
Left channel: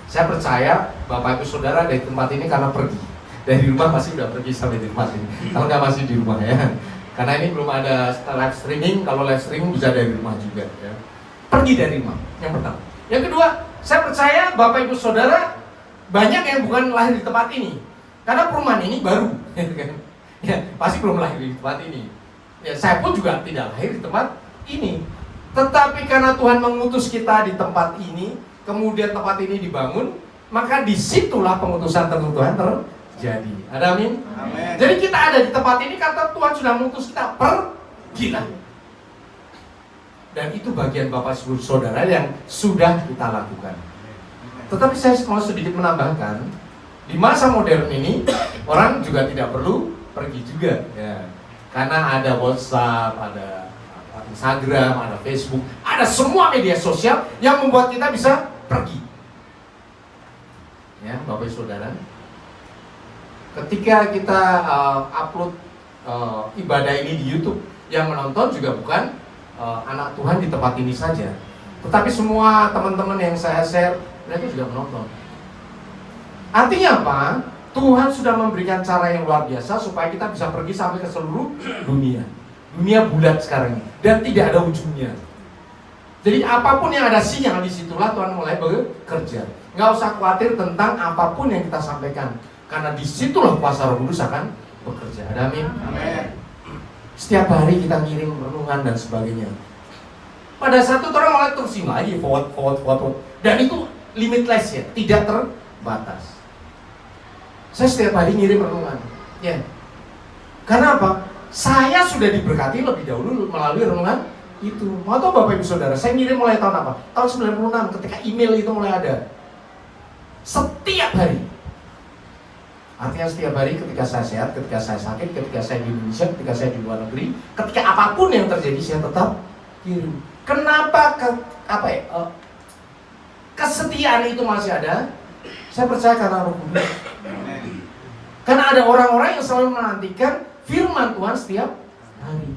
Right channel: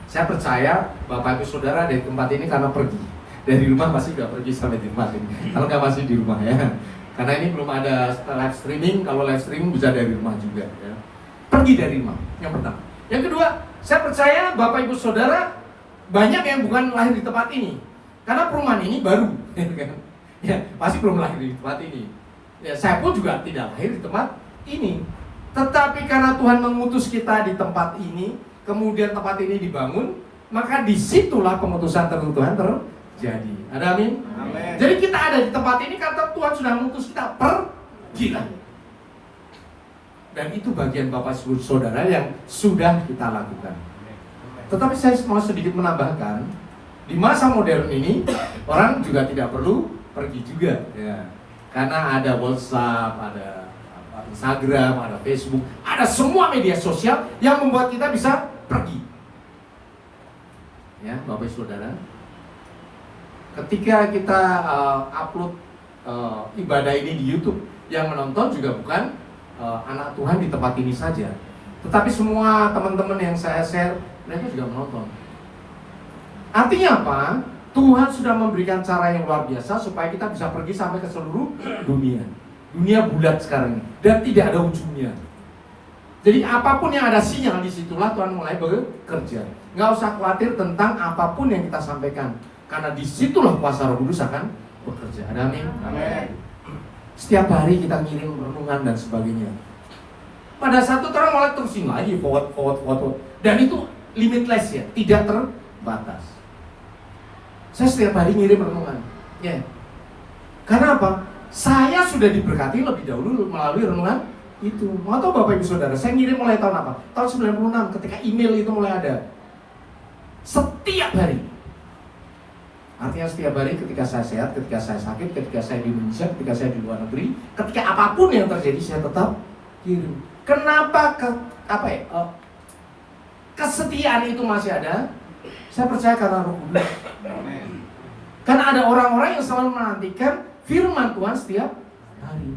Saya percaya Bapak Ibu Saudara dari tempat ini karena pergi. Dari rumah pasti udah pergi sampai di tempat ini. Kalau nggak masih di rumah ya. Karena ini belum ada live streaming. Kalau live streaming bisa dari rumah juga ya. Pergi dari rumah. Yang pertama. Yang kedua, saya percaya Bapak Ibu Saudara banyak yang bukan lahir di tempat ini. Karena perumahan ini baru. Ya, pasti belum lahir di tempat ini. Ya, saya pun juga tidak lahir di tempat ini. Tetapi karena Tuhan mengutus kita di tempat ini, kemudian tempat ini dibangun, maka disitulah pengutusan Tuhan terjadi. Ada amin? Amin. Jadi kita ada di tempat ini karena Tuhan sudah mengutus kita, pergilah. Dan itu bagian Bapak Ibu Saudara yang sudah kita lakukan. Tetapi saya mau sedikit menambahkan, di masa modern ini orang juga tidak perlu pergi juga, ya. Karena ada WhatsApp, ada Instagram, ada Facebook, ada semua media sosial yang membuat kita bisa pergi. Ya, Bapak Saudara. Ketika kita upload ibadah ini di YouTube, yang menonton juga bukan anak Tuhan di tempat ini saja, tetapi semua teman-teman yang saya share, mereka juga menonton. Artinya apa? Tuhan sudah memberikan cara yang luar biasa supaya kita bisa pergi sampai ke seluruh dunia. Dunia bulat sekarang ini dan tidak ada ujungnya. Jadi apapun yang ada sinyal, disitulah Tuhan mulai bekerja. Nggak usah khawatir tentang apapun yang kita sampaikan, karena disitulah kuasa Roh Kudus akan bekerja. Ada amin? Amin. Setiap hari kita ngirim renungan dan sebagainya. Pada satu orang mulai terusin lagi forward. Dan itu limitless ya, tidak terbatas. Saya setiap hari ngirim renungan. Ya. Karena apa? Saya sudah diberkati lebih dahulu melalui renungan itu. Mau tahu Bapak Ibu Saudara, saya ngirim mulai tahun apa? Tahun 96 ketika email itu mulai ada. Setiap hari. Artinya setiap hari ketika saya sehat, ketika saya sakit, ketika saya di Indonesia, ketika saya di luar negeri, ketika apapun yang terjadi saya tetap kirim. Kenapa kesetiaan itu masih ada, saya percaya karena Roh Kudus. Karena ada orang-orang yang selalu menantikan firman Tuhan setiap hari.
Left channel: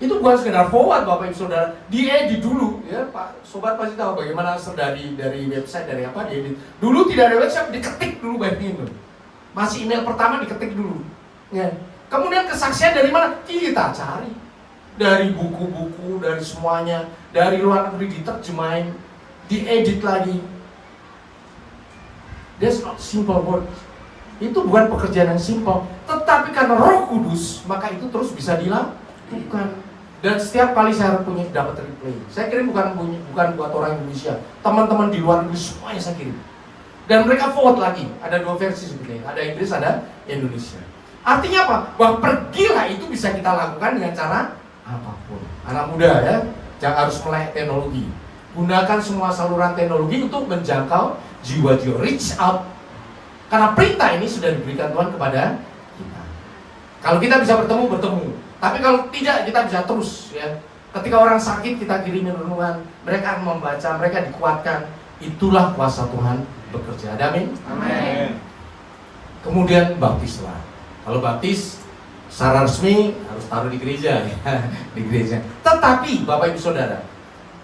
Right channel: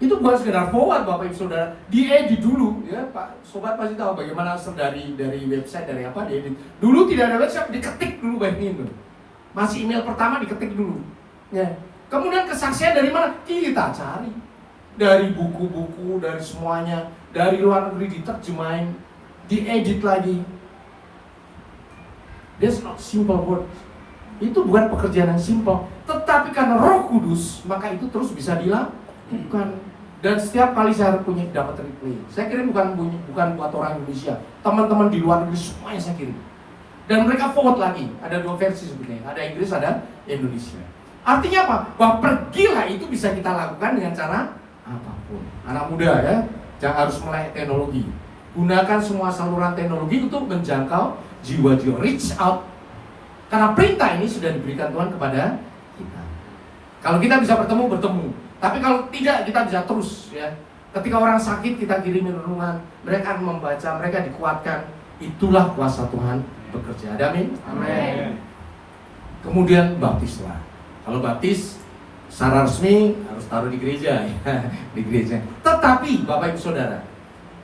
Itu bukan sekedar forward Bapak Ibu Saudara, diedit dulu ya Pak. Sobat pasti tahu bagaimana dari website, dari apa diedit. Dulu tidak ada website, diketik dulu baik itu. Masih email pertama diketik dulu. Ya. Kemudian kesaksian dari mana? Kita cari. Dari buku-buku, dari semuanya, dari luar negeri diterjemahin, diedit lagi. That's not simple word. Itu bukan pekerjaan yang simple, tetapi karena Roh Kudus, maka itu terus bisa dilakukan. Dan setiap kali saya punya dapat replay, saya kirim bukan buat orang Indonesia, teman-teman di luar negeri semuanya saya kirim. Dan mereka forward lagi, ada 2 versi sebenarnya, ada Inggris, ada Indonesia. Artinya apa? Bahwa pergilah itu bisa kita lakukan dengan cara apapun. Anak muda ya, jangan harus melek teknologi. Gunakan semua saluran teknologi untuk menjangkau jiwa-jiwa, reach out. Karena perintah ini sudah diberikan Tuhan kepada kita. Kalau kita bisa bertemu. Tapi kalau tidak, kita bisa terus ya. Ketika orang sakit, kita kirimin renungan, mereka akan membaca, mereka dikuatkan. Itulah kuasa Tuhan bekerja. Amin. Amin. Kemudian baptislah. Kalau baptis secara resmi harus taruh di gereja ya. Di gereja. Tetapi Bapak Ibu Saudara,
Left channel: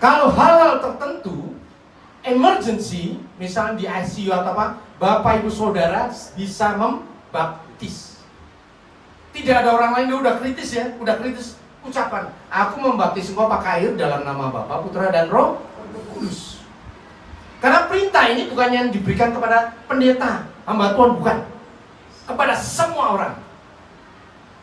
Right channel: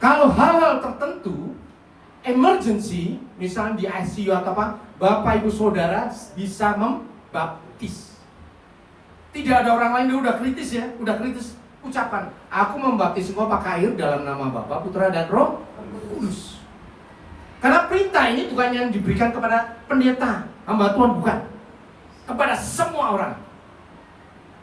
kalau hal-hal tertentu emergency, misalnya di ICU atau apa, Bapak Ibu Saudara bisa membaptis. Tidak ada orang lain, dia udah kritis ya, ucapan, aku membaptis engkau pakai air dalam nama Bapa, Putra dan Roh Kudus. Karena perintah ini bukan yang diberikan kepada pendeta, hamba Tuhan, bukan. Kepada semua orang.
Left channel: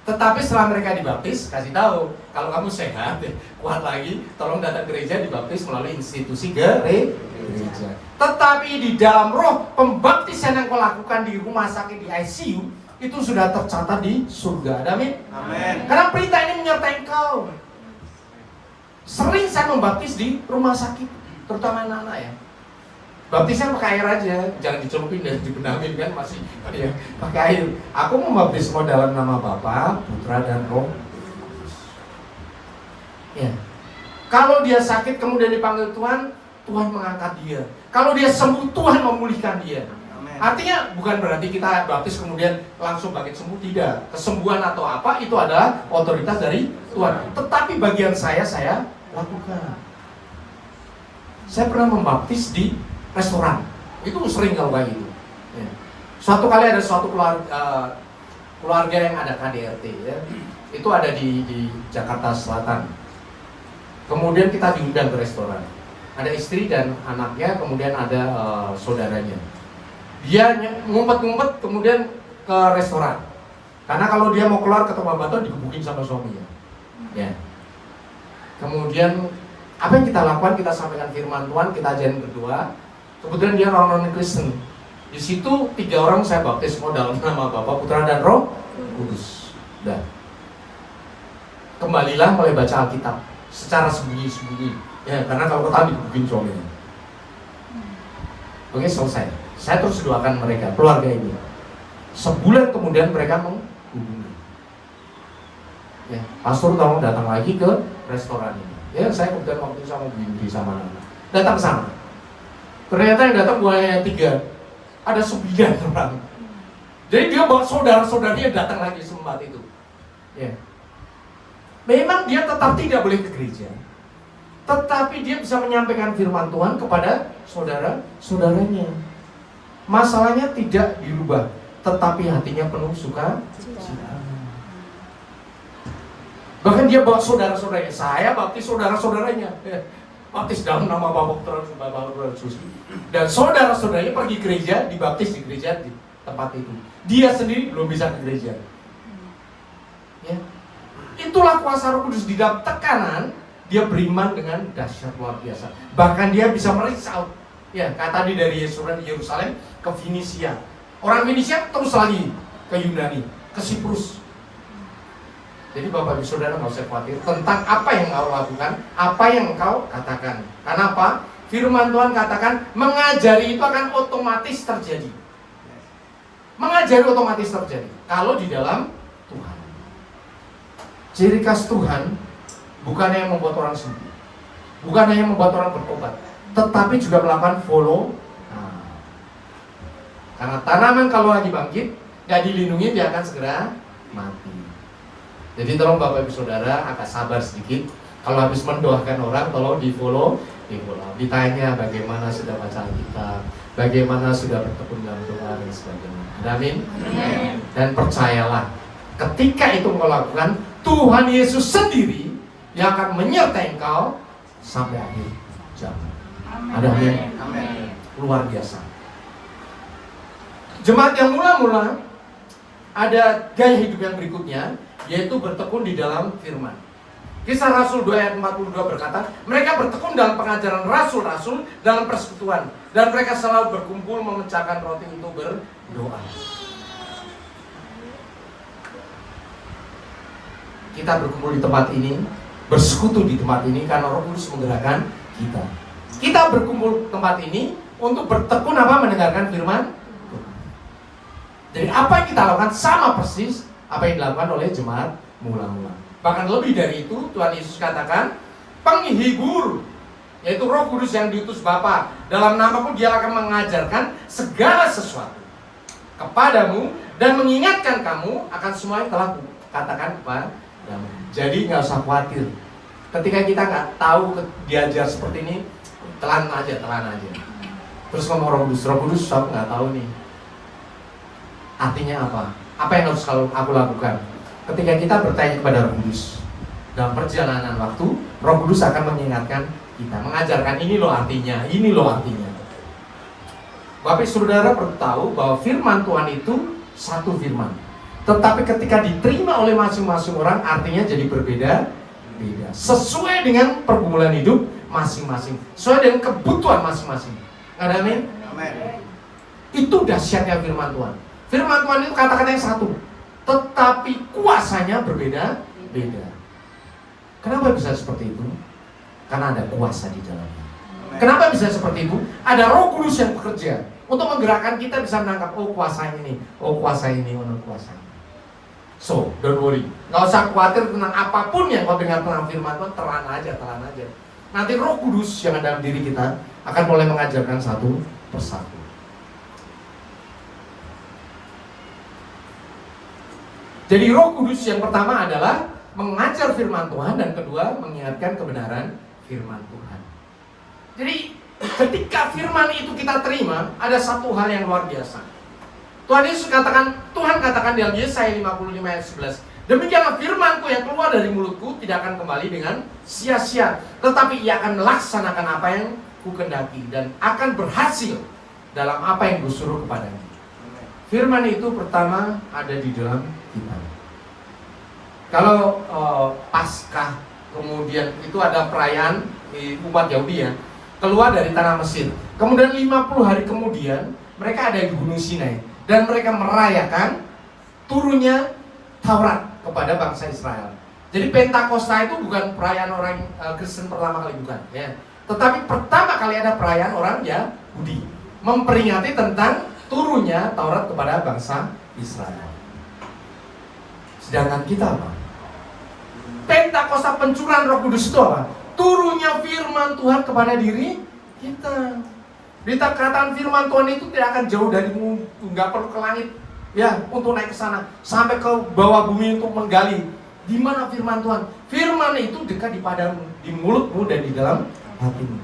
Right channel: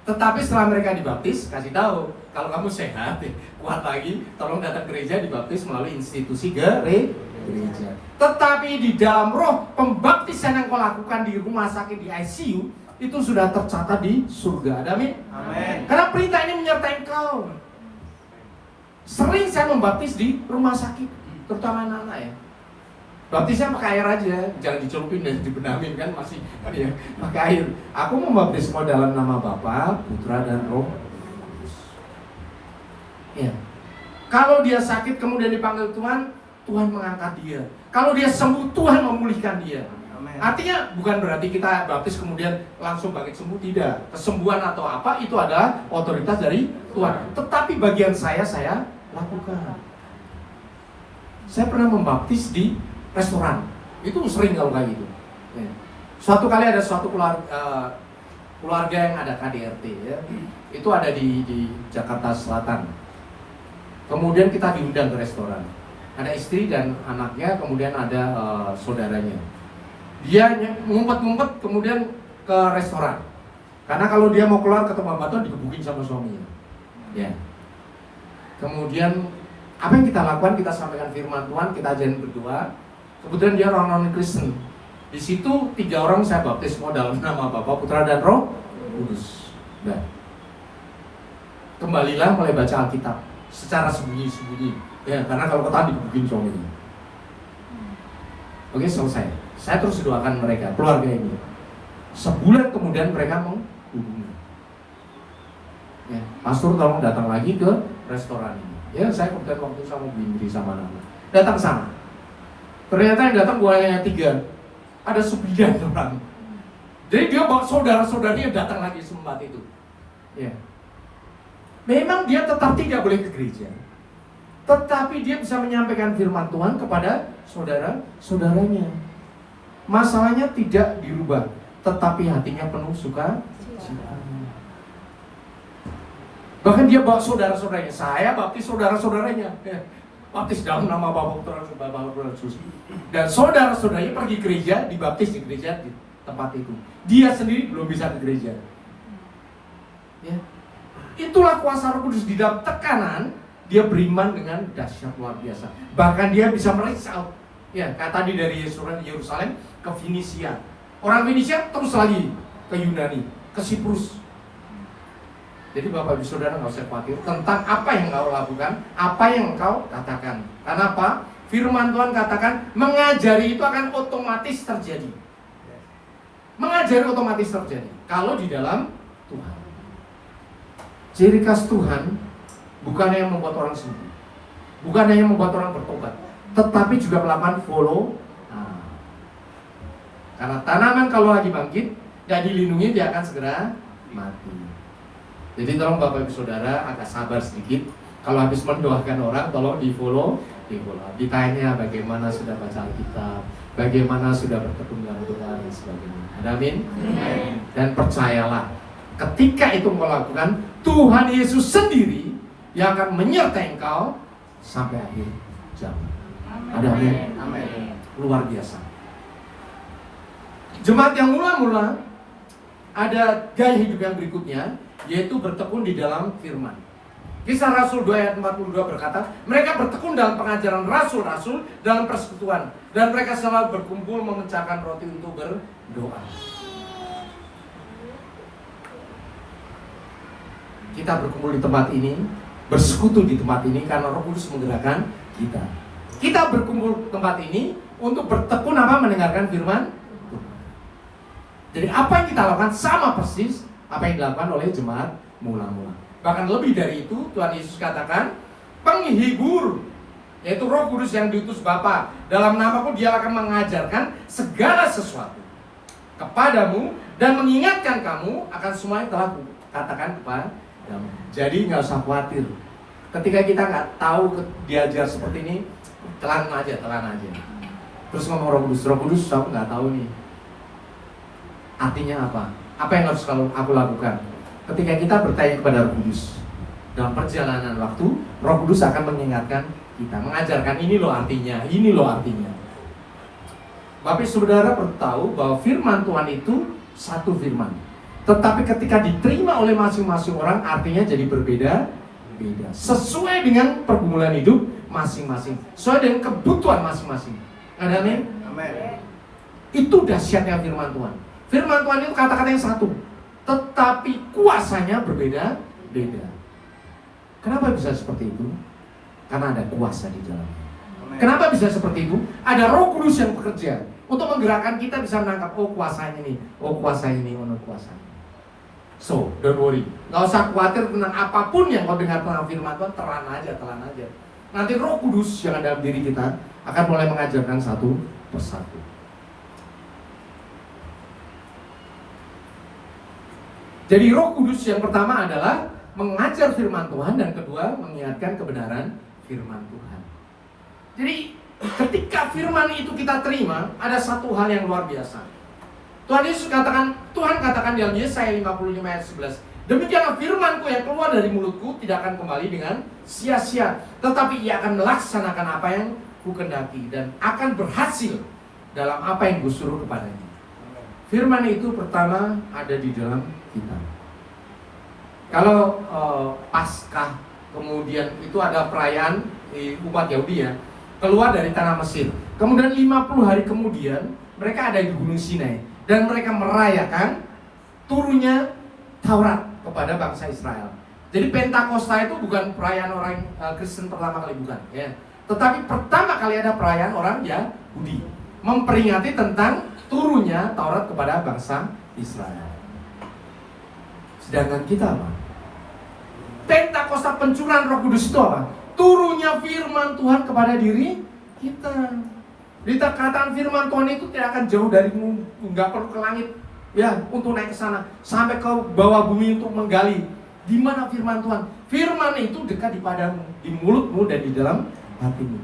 Tetapi setelah mereka dibaptis, kasih tahu, kalau kamu sehat, kuat lagi, tolong datang gereja, dibaptis melalui institusi gereja. Tetapi di dalam roh, pembaptisan yang kau lakukan di rumah sakit, di ICU, itu sudah tercatat di surga. Amin. Amin. Karena perintah ini menyertai engkau. Sering saya membaptis di rumah sakit, terutama anak-anak ya. Baptisnya pakai air aja, jangan dicelupin dan dibenamin kan masih ya, pakai air. Aku membaptis semua dalam nama Bapa, Putra dan Roh Kudus. Ya. Kalau dia sakit kemudian dipanggil Tuhan, Tuhan mengangkat dia. Kalau dia sembuh, Tuhan memulihkan dia. Artinya bukan berarti kita baptis kemudian langsung bangkit sembuh, tidak. Kesembuhan atau apa itu adalah otoritas dari Tuhan. Tetapi bagian saya lakukan. Saya pernah membaptis di restoran. Itu sering kalau kayak gitu. Ya. Suatu kali ada suatu keluarga yang ada KDRT ya. Itu ada di Jakarta Selatan. Kemudian kita diundang ke restoran. Ada istri dan anaknya, kemudian ada saudaranya. Dia ngumpet-ngumpet kemudian ke restoran. Karena kalau dia mau keluar ke tempat batu digebukin sama suaminya. Ya. Kemudian apa yang kita lakukan? Kita sampaikan firman Tuhan, kita ajarin berdoa. Kemudian dia orang non-Kristen. Di situ 3 orang saya baptis semua dalam nama Bapa, Putra dan Roh Kudus. Udah. Kembalilah mulai baca Alkitab secara sembunyi-sembunyi. Ya, karena kalau ketahuan digebukin suaminya. Oke, selesai. Saya terus doakan mereka, keluarga ini. Sebulan kemudian mereka menghubungi. Ya, pastor tolong datang lagi ke restoran ini. Ya, saya kemudian waktu sama Bu Indri sama anak. Datang sana. Ternyata yang datang bukan hanya 3, ada 9 orang. Jadi dia bawa saudara-saudaranya datang lagi sempat itu. Ya. Memang dia tetap tidak boleh ke gereja, tetapi dia bisa menyampaikan firman Tuhan kepada saudara-saudaranya. Masalahnya tidak dirubah, tetapi hatinya penuh sukacita. Bahkan dia bawa saudara-saudaranya. Saya baptis saudara-saudaranya. Baptis dalam nama Bapa, Putra dan Roh Kudus. Dan saudara-saudaranya pergi gereja, dibaptis di gereja di tempat itu. Dia sendiri belum bisa ke gereja. Ya. Itulah kuasa Roh Kudus. Di dalam tekanan, dia beriman dengan dahsyat luar biasa. Bahkan dia bisa reach out. Ya, kayak tadi dari Yerusalem ke Finisia. Orang Finisia terus lagi ke Yunani, ke Siprus. Jadi Bapak Ibu Saudara nggak usah khawatir tentang apa yang kau lakukan, apa yang kau katakan. Karena apa? Firman Tuhan katakan mengajari itu akan otomatis terjadi. Mengajari otomatis terjadi kalau di dalam Tuhan. Ciri khas Tuhan bukan yang membuat orang sembuh, bukan yang membuat orang bertobat, tetapi juga melakukan follow. Nah, karena tanaman kalau lagi bangkit, nggak dilindungi, dia akan segera mati. Jadi tolong Bapak Ibu Saudara agak sabar sedikit. Kalau habis mendoakan orang, tolong di follow. Ditanya bagaimana sudah baca Alkitab, bagaimana sudah bertekun dalam doa dan sebagainya. Ada amin? Dan percayalah, ketika itu engkau lakukan, Tuhan Yesus sendiri yang akan menyertai engkau sampai akhir zaman. Ada amin? Luar biasa. Jemaat yang mula-mula ada gaya hidup yang berikutnya, yaitu bertekun di dalam firman. Kisah Rasul 2 ayat 42 berkata, mereka bertekun dalam pengajaran rasul-rasul, dalam persekutuan, dan mereka selalu berkumpul memecahkan roti untuk berdoa. Kita berkumpul di tempat ini, bersekutu di tempat ini karena Roh Kudus menggerakkan kita. Kita berkumpul di tempat ini untuk bertekun mendengarkan firman Tuhan. Jadi apa yang kita lakukan sama persis apa yang dilakukan oleh jemaat mula-mula. Bahkan lebih dari itu, Tuhan Yesus katakan, penghibur, yaitu Roh Kudus yang diutus Bapa, dalam namaku dia akan mengajarkan segala sesuatu kepadamu dan mengingatkan kamu akan semua yang telah katakan kepadamu. Jadi nggak usah khawatir. Ketika kita nggak tahu diajar seperti ini, telan aja. Terus ngomong Roh Kudus, aku nggak tahu nih. Artinya apa? Apa yang harus aku lakukan? Ketika kita bertanya kepada Roh Kudus dalam perjalanan waktu, Roh Kudus akan mengingatkan kita, mengajarkan ini loh artinya. Bapak Saudara perlu tahu bahwa firman Tuhan itu satu firman, tetapi ketika diterima oleh masing-masing orang, artinya jadi berbeda-beda, sesuai dengan pergumulan hidup masing-masing, sesuai dengan kebutuhan masing-masing. Ada amin? Itu dahsyatnya firman Tuhan. Firman Tuhan itu kata-kata yang satu, tetapi kuasanya berbeda-beda. Kenapa bisa seperti itu? Karena ada kuasa di dalamnya. Kenapa bisa seperti itu? Ada Roh Kudus yang bekerja untuk menggerakkan kita bisa menangkap, oh kuasa ini, kuasa ini. So, don't worry. Gak usah khawatir tentang apapun yang kau dengar tentang firman Tuhan, telan aja. Nanti Roh Kudus yang ada dalam diri kita akan mulai mengajarkan satu persatu. Jadi Roh Kudus yang pertama adalah mengajar firman Tuhan, dan kedua mengingatkan kebenaran firman Tuhan. Jadi ketika firman itu kita terima, ada satu hal yang luar biasa. Tuhan katakan dalam Yesaya 55 ayat 11, demikianlah firmanku yang keluar dari mulutku tidak akan kembali dengan sia-sia, tetapi ia akan melaksanakan apa yang kukendaki dan akan berhasil dalam apa yang kusuruh kepadanya. Firman itu pertama ada di dalam kita. Kalau Paskah, kemudian itu ada perayaan di umat Yahudi ya, keluar dari tanah Mesir. Kemudian 50 hari kemudian mereka ada di Gunung Sinai, dan mereka merayakan turunnya Taurat kepada bangsa Israel. Jadi Pentakosta itu bukan perayaan orang Kristen pertama kali, bukan ya. Tetapi pertama kali ada perayaan orang Yahudi, memperingati tentang turunnya Taurat kepada bangsa Israel. Sedangkan kita apa? Pentakosta, pencurahan Roh Kudus itu apa? Turunnya firman Tuhan kepada diri kita. Dikatakan firman Tuhan itu tidak akan jauh darimu, nggak perlu ke langit ya untuk naik ke sana, sampai ke bawah bumi untuk menggali. Di mana firman Tuhan? Firman itu dekat di padamu, di mulutmu dan di dalam hatimu.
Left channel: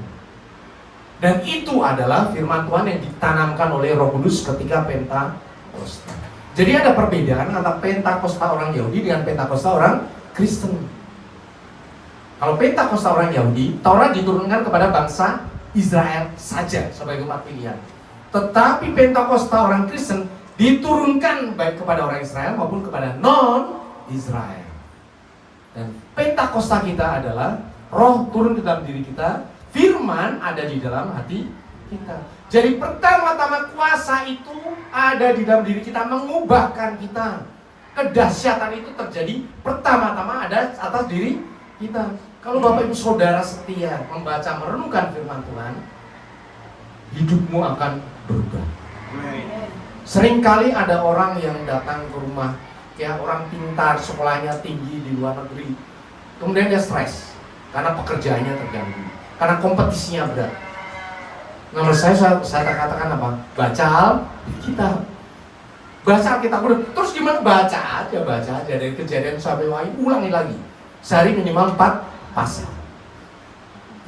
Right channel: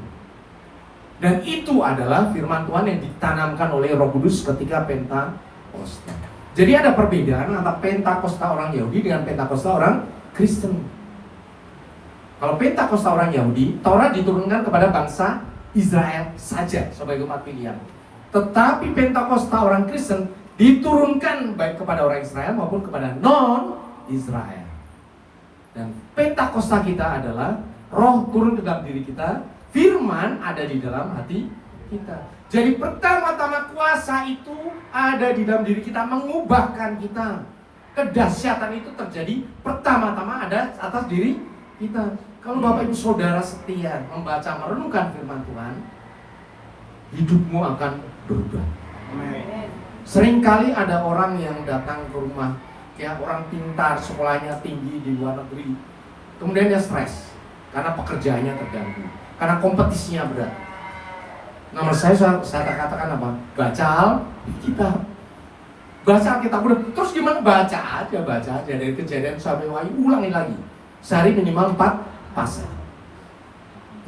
Dan itu adalah firman Tuhan yang ditanamkan oleh Roh Kudus ketika Pentakosta. Jadi ada perbedaan antara Pentakosta orang Yahudi dengan Pentakosta orang Kristen. Kalau Pentakosta orang Yahudi, Taurat diturunkan kepada bangsa Israel saja sebagai umat pilihan. Tetapi Pentakosta orang Kristen diturunkan baik kepada orang Israel maupun kepada non-Israel. Dan Pentakosta kita adalah Roh turun ke dalam diri kita, firman ada di dalam hati kita. Jadi pertama-tama kuasa itu ada di dalam diri kita, mengubahkan kita. Kedahsyatan itu terjadi pertama-tama ada atas diri kita. Kalau Bapak Ibu Saudara setia membaca merenungkan firman Tuhan, hidupmu akan berubah. Seringkali ada orang yang datang ke rumah, kayak orang pintar, sekolahnya tinggi di luar negeri, kemudian dia stres karena pekerjaannya terganggu, karena kompetisinya berat. Nomor saya katakan apa? Baca Alkitab. Baca Alkitab. Terus gimana? Baca aja dari Kejadian sampai Wahyu, ulangi lagi. Sehari minimal 4 pasal.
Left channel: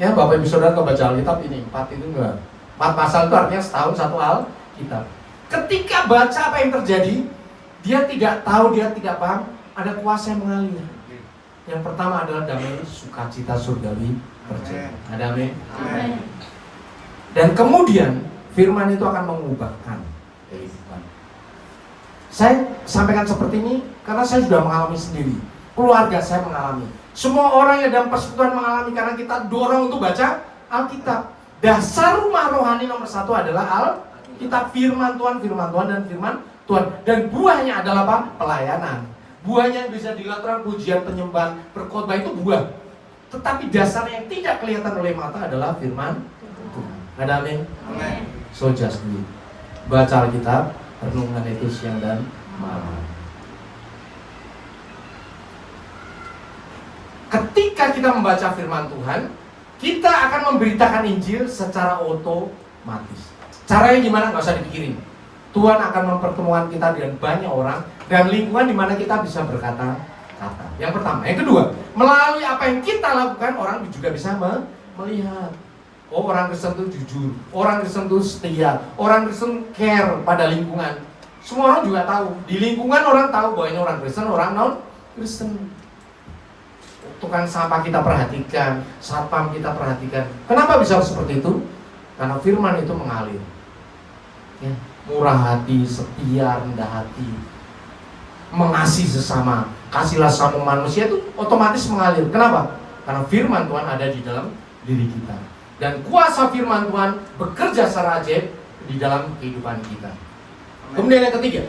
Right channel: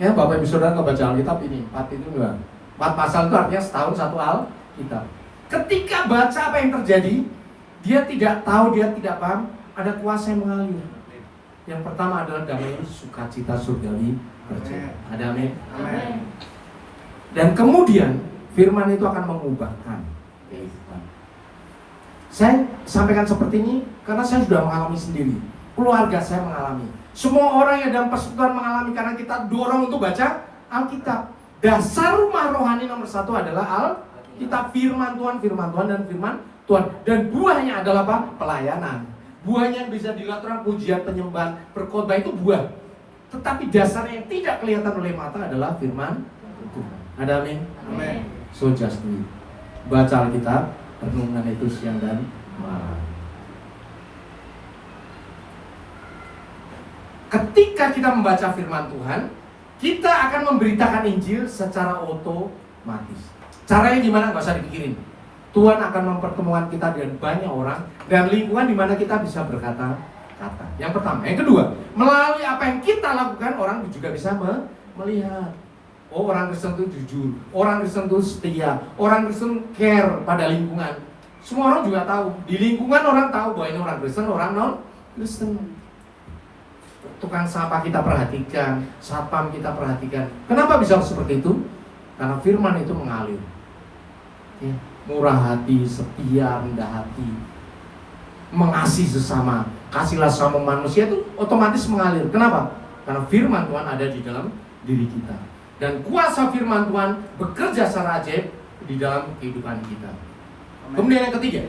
Ya, Bapak Ibu Saudara kalau baca Alkitab ini 4 itu enggak. 4 pasal itu artinya setahun 1 Alkitab. Ketika baca apa yang terjadi, dia tidak tahu, dia tidak paham, ada kuasa yang mengalir. Yang pertama adalah damai sukacita surgawi terjadi. Ada amin. Amin. Dan kemudian firman itu akan mengubahkan kehidupan. Saya sampaikan seperti ini karena saya sudah mengalami sendiri. Keluarga saya mengalami. Semua orang yang dalam persekutuan mengalami karena kita dorong untuk baca Alkitab. Dasar rumah rohani nomor 1 adalah Alkitab, firman Tuhan dan firman Tuhan. Dan buahnya adalah apa? Pelayanan. Buahnya bisa dilakukan pujian, penyembahan, berkhotbah, itu buah. Tetapi dasarnya yang tidak kelihatan oleh mata adalah firman Tuhan. Ada amin? Amin. So just do it. Baca Alkitab, renungan itu siang dan malam. Ketika kita membaca firman Tuhan, kita akan memberitakan Injil secara otomatis. Caranya gimana? Nggak usah dipikirin. Tuhan akan mempertemukan kita dengan banyak orang dan lingkungan di mana kita bisa berkata-kata. Yang pertama. Yang kedua, melalui apa yang kita lakukan, orang juga bisa melihat. Oh, orang Kristen itu jujur, orang Kristen itu setia, orang Kristen care pada lingkungan. Semua orang juga tahu. Di lingkungan orang tahu bahwa ini orang Kristen, orang non-Kristen. Tukang sampah kita perhatikan, satpam kita perhatikan. Kenapa bisa seperti itu? Karena firman itu mengalir. Ya, murah hati, setia, rendah hati, mengasihi sesama, kasihlah sama manusia, itu otomatis mengalir. Kenapa? Karena firman Tuhan ada di dalam diri kita. Dan kuasa firman Tuhan bekerja secara ajaib di dalam kehidupan kita. Amen. Kemudian yang ketiga,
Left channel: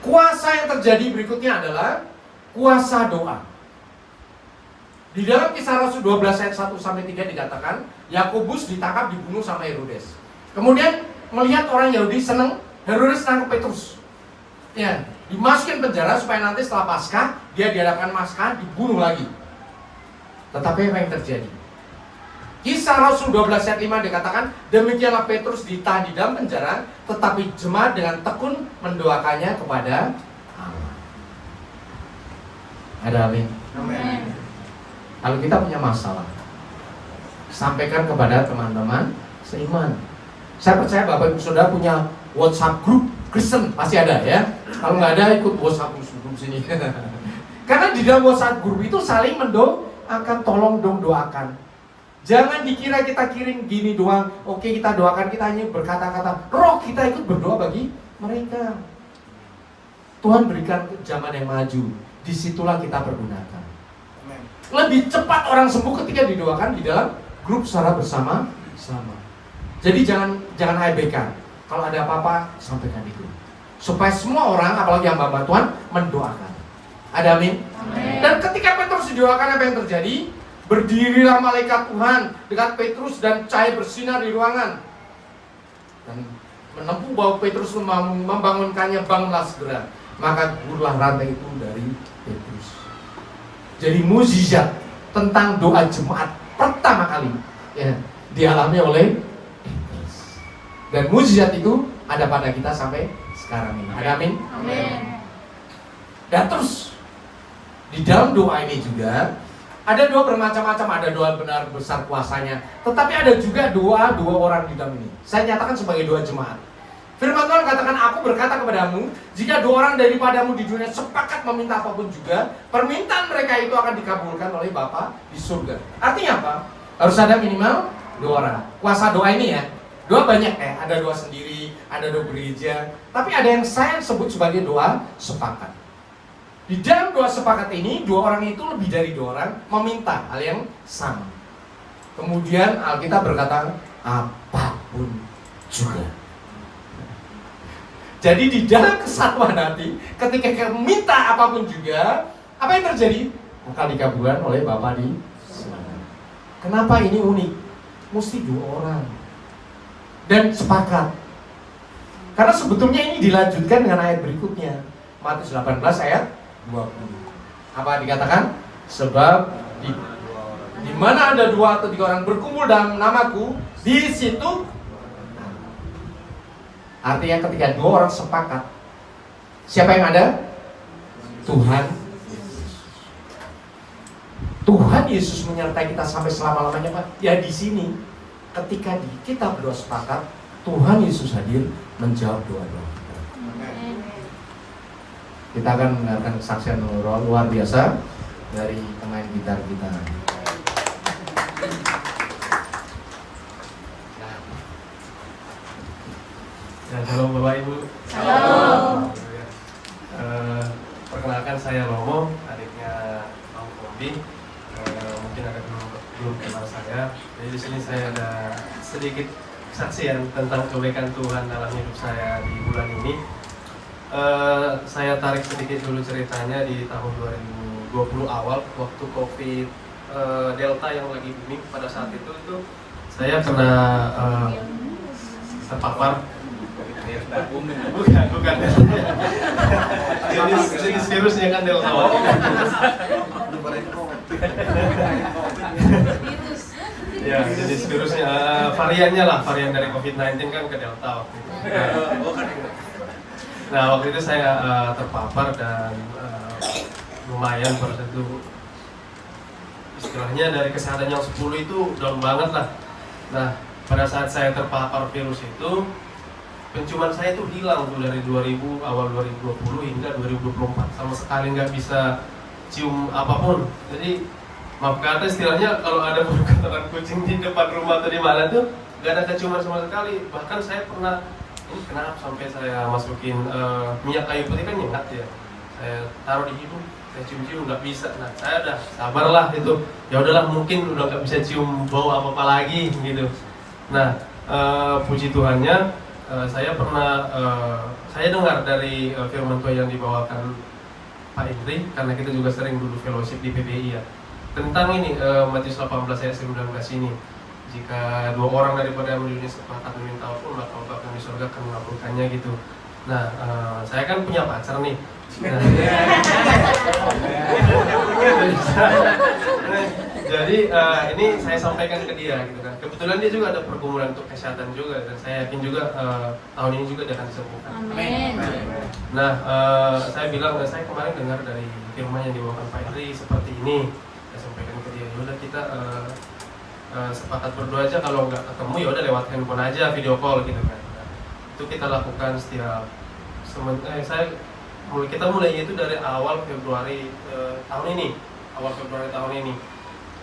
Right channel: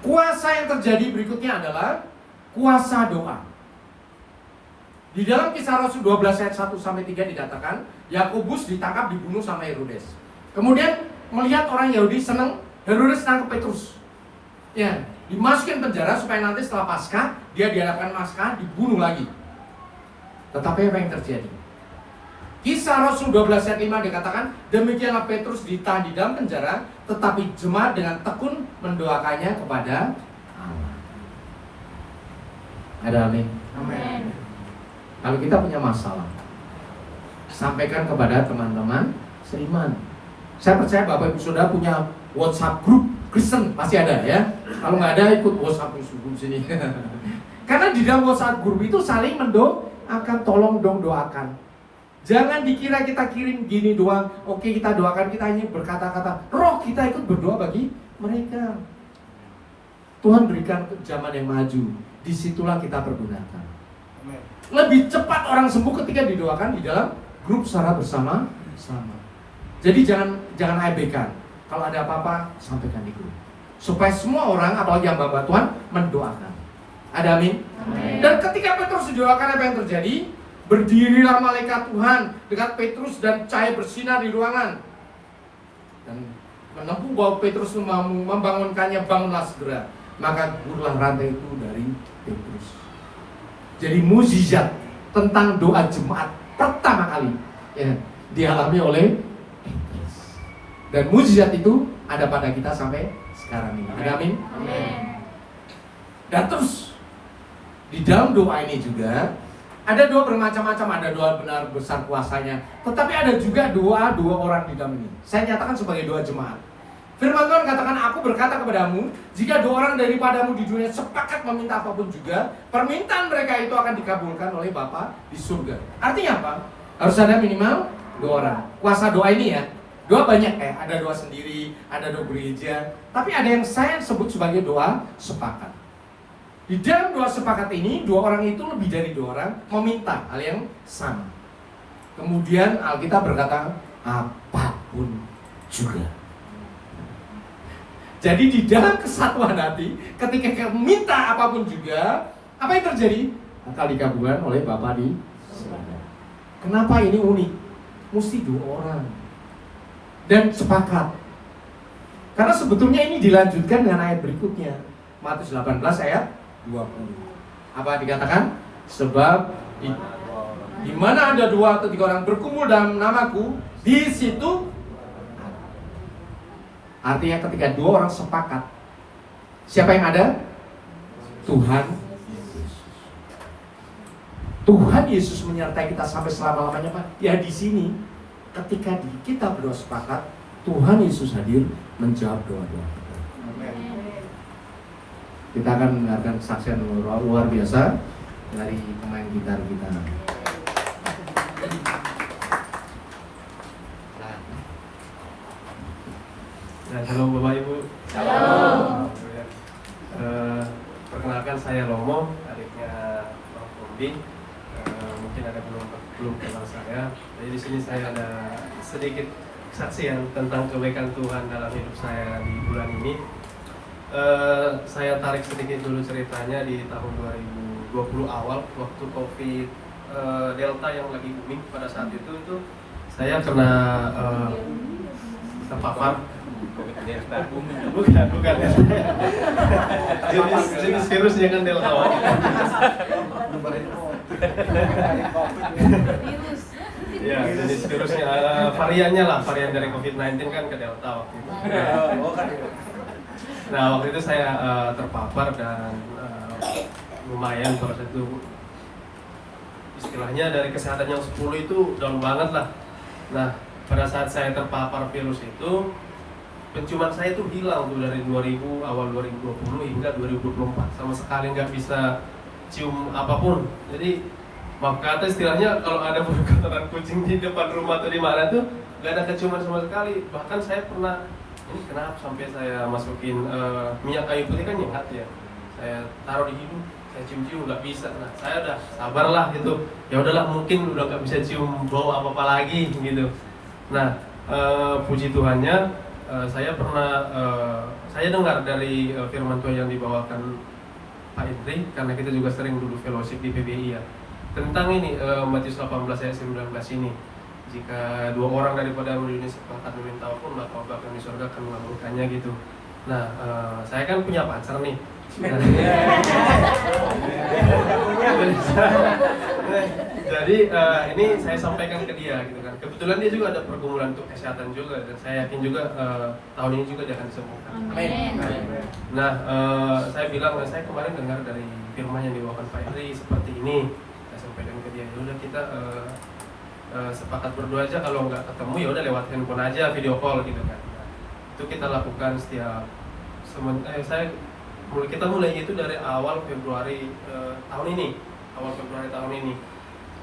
kuasa yang terjadi berikutnya adalah kuasa doa. Di dalam Kisah Rasul 12 ayat 1-3 dikatakan, Yakobus ditangkap, dibunuh sama Herodes. Kemudian melihat orang Yahudi senang, Herodes nangkep Petrus. Ya, dimasukin penjara supaya nanti setelah Paskah dia diadakan Paskah, dibunuh lagi. Tetapi apa yang terjadi? Kisah Rasul 12 ayat 5 dikatakan, demikianlah Petrus ditahan di dalam penjara, tetapi jemaat dengan tekun mendoakannya kepada Allah. Ada amin. Amin. Kalau kita punya masalah, sampaikan kepada teman-teman seiman. Saya percaya Bapak Ibu Saudara punya WhatsApp group Kristen, pasti ada ya. Kalau nggak ada, ikut WhatsApp group sini. Karena di dalam WhatsApp group itu saling mendoakan, tolong dong doakan. Jangan dikira kita kirim gini doang, oke kita doakan, kita hanya berkata-kata. Roh kita ikut berdoa bagi mereka. Tuhan berikan zaman yang maju, disitulah kita pergunakan. Amen. Lebih cepat orang sembuh ketika didoakan di dalam grup secara bersama-sama. Jadi jangan abaikan. Kalau ada apa-apa, sampaikan di grup. Supaya semua orang, apalagi yang hamba Tuhan, mendoakan. Ada amin? Amin. Dan ketika Petrus didoakan, apa yang terjadi? Berdirilah malaikat Tuhan dekat Petrus dan cahaya bersinar di ruangan. Dan menempuh bahwa Petrus membangunkannya, bangunlah segera. Maka gugurlah rantai itu dari Petrus. Jadi mukjizat tentang doa jemaat pertama kali ya, dialami oleh Petrus. Dan mukjizat itu ada pada kita sampai sekarang ini. Ada amin? Amin. Dan terus di dalam doa ini juga ada doa bermacam-macam, ada doa benar besar kuasanya, tetapi ada juga doa orang di dalam ini. Saya nyatakan sebagai doa jemaat. Firman Tuhan katakan, aku berkata kepadamu, jika 2 orang daripadamu di dunia sepakat meminta apapun juga, permintaan mereka itu akan dikabulkan oleh Bapa di surga. Artinya apa? Harus ada minimal 2 orang. Kuasa doa ini ya, doa banyak ada doa sendiri, ada doa gereja, tapi ada yang saya sebut sebagai doa sepakat. Di dalam doa sepakat ini, 2 orang itu lebih dari 2 orang meminta hal yang sama. Kemudian Alkitab berkata, apapun juga. Jadi di dalam kesatuan hati, ketika kita minta apapun juga, apa yang terjadi? Akan dikabulkan oleh Bapa di surga. Kenapa ini unik? Mesti 2 orang. Dan sepakat. Karena sebetulnya ini dilanjutkan dengan ayat berikutnya. Matius 18 ayat 20. Apa dikatakan? Sebab di mana ada 2 atau 3 orang berkumpul dalam namaku, di situ Artinya ketika dua orang sepakat, siapa yang ada? Tuhan Yesus. Tuhan Yesus menyertai kita sampai selama-lamanya, Pak. Ya di sini, ketika kita berdua sepakat, Tuhan Yesus hadir menjawab doa-doa kita. Kita akan mendengarkan kesaksian luar biasa dari pemain gitar kita. Ya, halo Bapak Ibu. Halo. Perkenalkan saya Romo, adiknya Om Bobi. Mungkin ada belum kenal saya. Jadi di sini saya ada sedikit kesaksian tentang kebaikan Tuhan dalam hidup saya di bulan ini. Saya tarik sedikit dulu ceritanya di tahun 2020 awal waktu COVID Delta yang lagi booming pada saat itu saya kena terpapar. Bukan. Jenis virusnya kan Delta. Virus. Ya, jenis virusnya variannya lah, varian dari COVID-19 kan ke Delta waktu itu. Nah, waktu itu saya terpapar dan lumayan proses itu. Istilahnya dari kesehatan yang 10 itu down banget lah. Nah, pada saat saya terpapar virus itu, penciuman saya itu hilang tuh dari awal 2020 hingga 2024, sama sekali nggak bisa cium apapun. Jadi maaf kata istilahnya kalau ada kotoran kucing di depan rumah atau di mana tuh nggak ada keciuman sama sekali. Bahkan saya pernah, ini kenapa sampai saya masukin minyak kayu putih kan nyengat ya, saya taruh di hidung, saya cium-cium nggak bisa. Nah saya udah sabarlah itu, ya udahlah mungkin udah nggak bisa cium bau apa lagi gitu. Nah puji Tuhannya, saya pernah saya dengar dari firman Tuhan yang dibawakan Pak Indri, karena kita juga sering dulu fellowship di PBI ya, tentang ini Matius 18 ayat 19 ini, jika dua orang daripada yang berdiri sepakat meminta apapun, maka Bapa akan di surga akan melakukannya gitu. Nah saya kan punya pacar nih. Nah, jadi ini saya sampaikan ke dia gitu kan. Kebetulan dia juga ada pergumulan untuk kesehatan juga, dan saya yakin juga tahun ini juga dia akan disembuhkan. Amin. Nah saya bilang, saya kemarin dengar dari firman yang dibawakan Pak Indri seperti ini. Saya sampaikan ke dia, udah kita sepakat berdoa aja, kalau nggak ketemu ya udah lewat handphone aja, video call gitu kan. Nah, itu kita lakukan setiap kita mulai itu dari awal Februari tahun ini.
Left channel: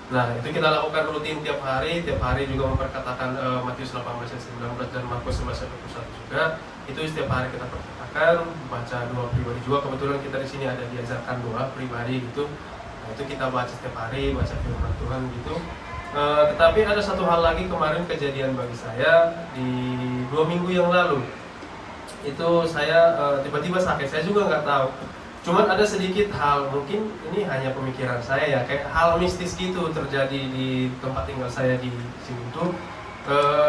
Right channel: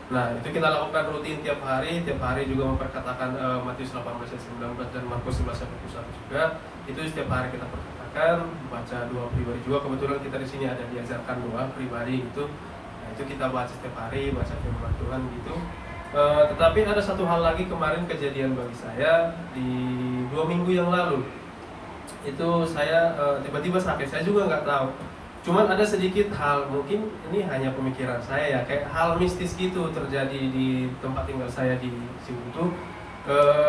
Nah itu kita lakukan rutin tiap hari juga memperkatakan Matius 18 ayat 19 dan Markus 11 ayat 21 juga. Itu setiap hari kita perkatakan, baca doa pribadi juga. Kebetulan kita di sini ada diajarkan doa pribadi gitu. Nah itu kita baca setiap hari, baca firman Tuhan gitu. Tetapi ada satu hal lagi kemarin kejadian bagi saya di 2 minggu yang lalu. Itu saya tiba-tiba sakit, saya juga nggak tahu. Cuman ada sedikit hal, mungkin ini hanya pemikiran saya ya, kayak hal mistis gitu terjadi di tempat tinggal saya di Singguntur.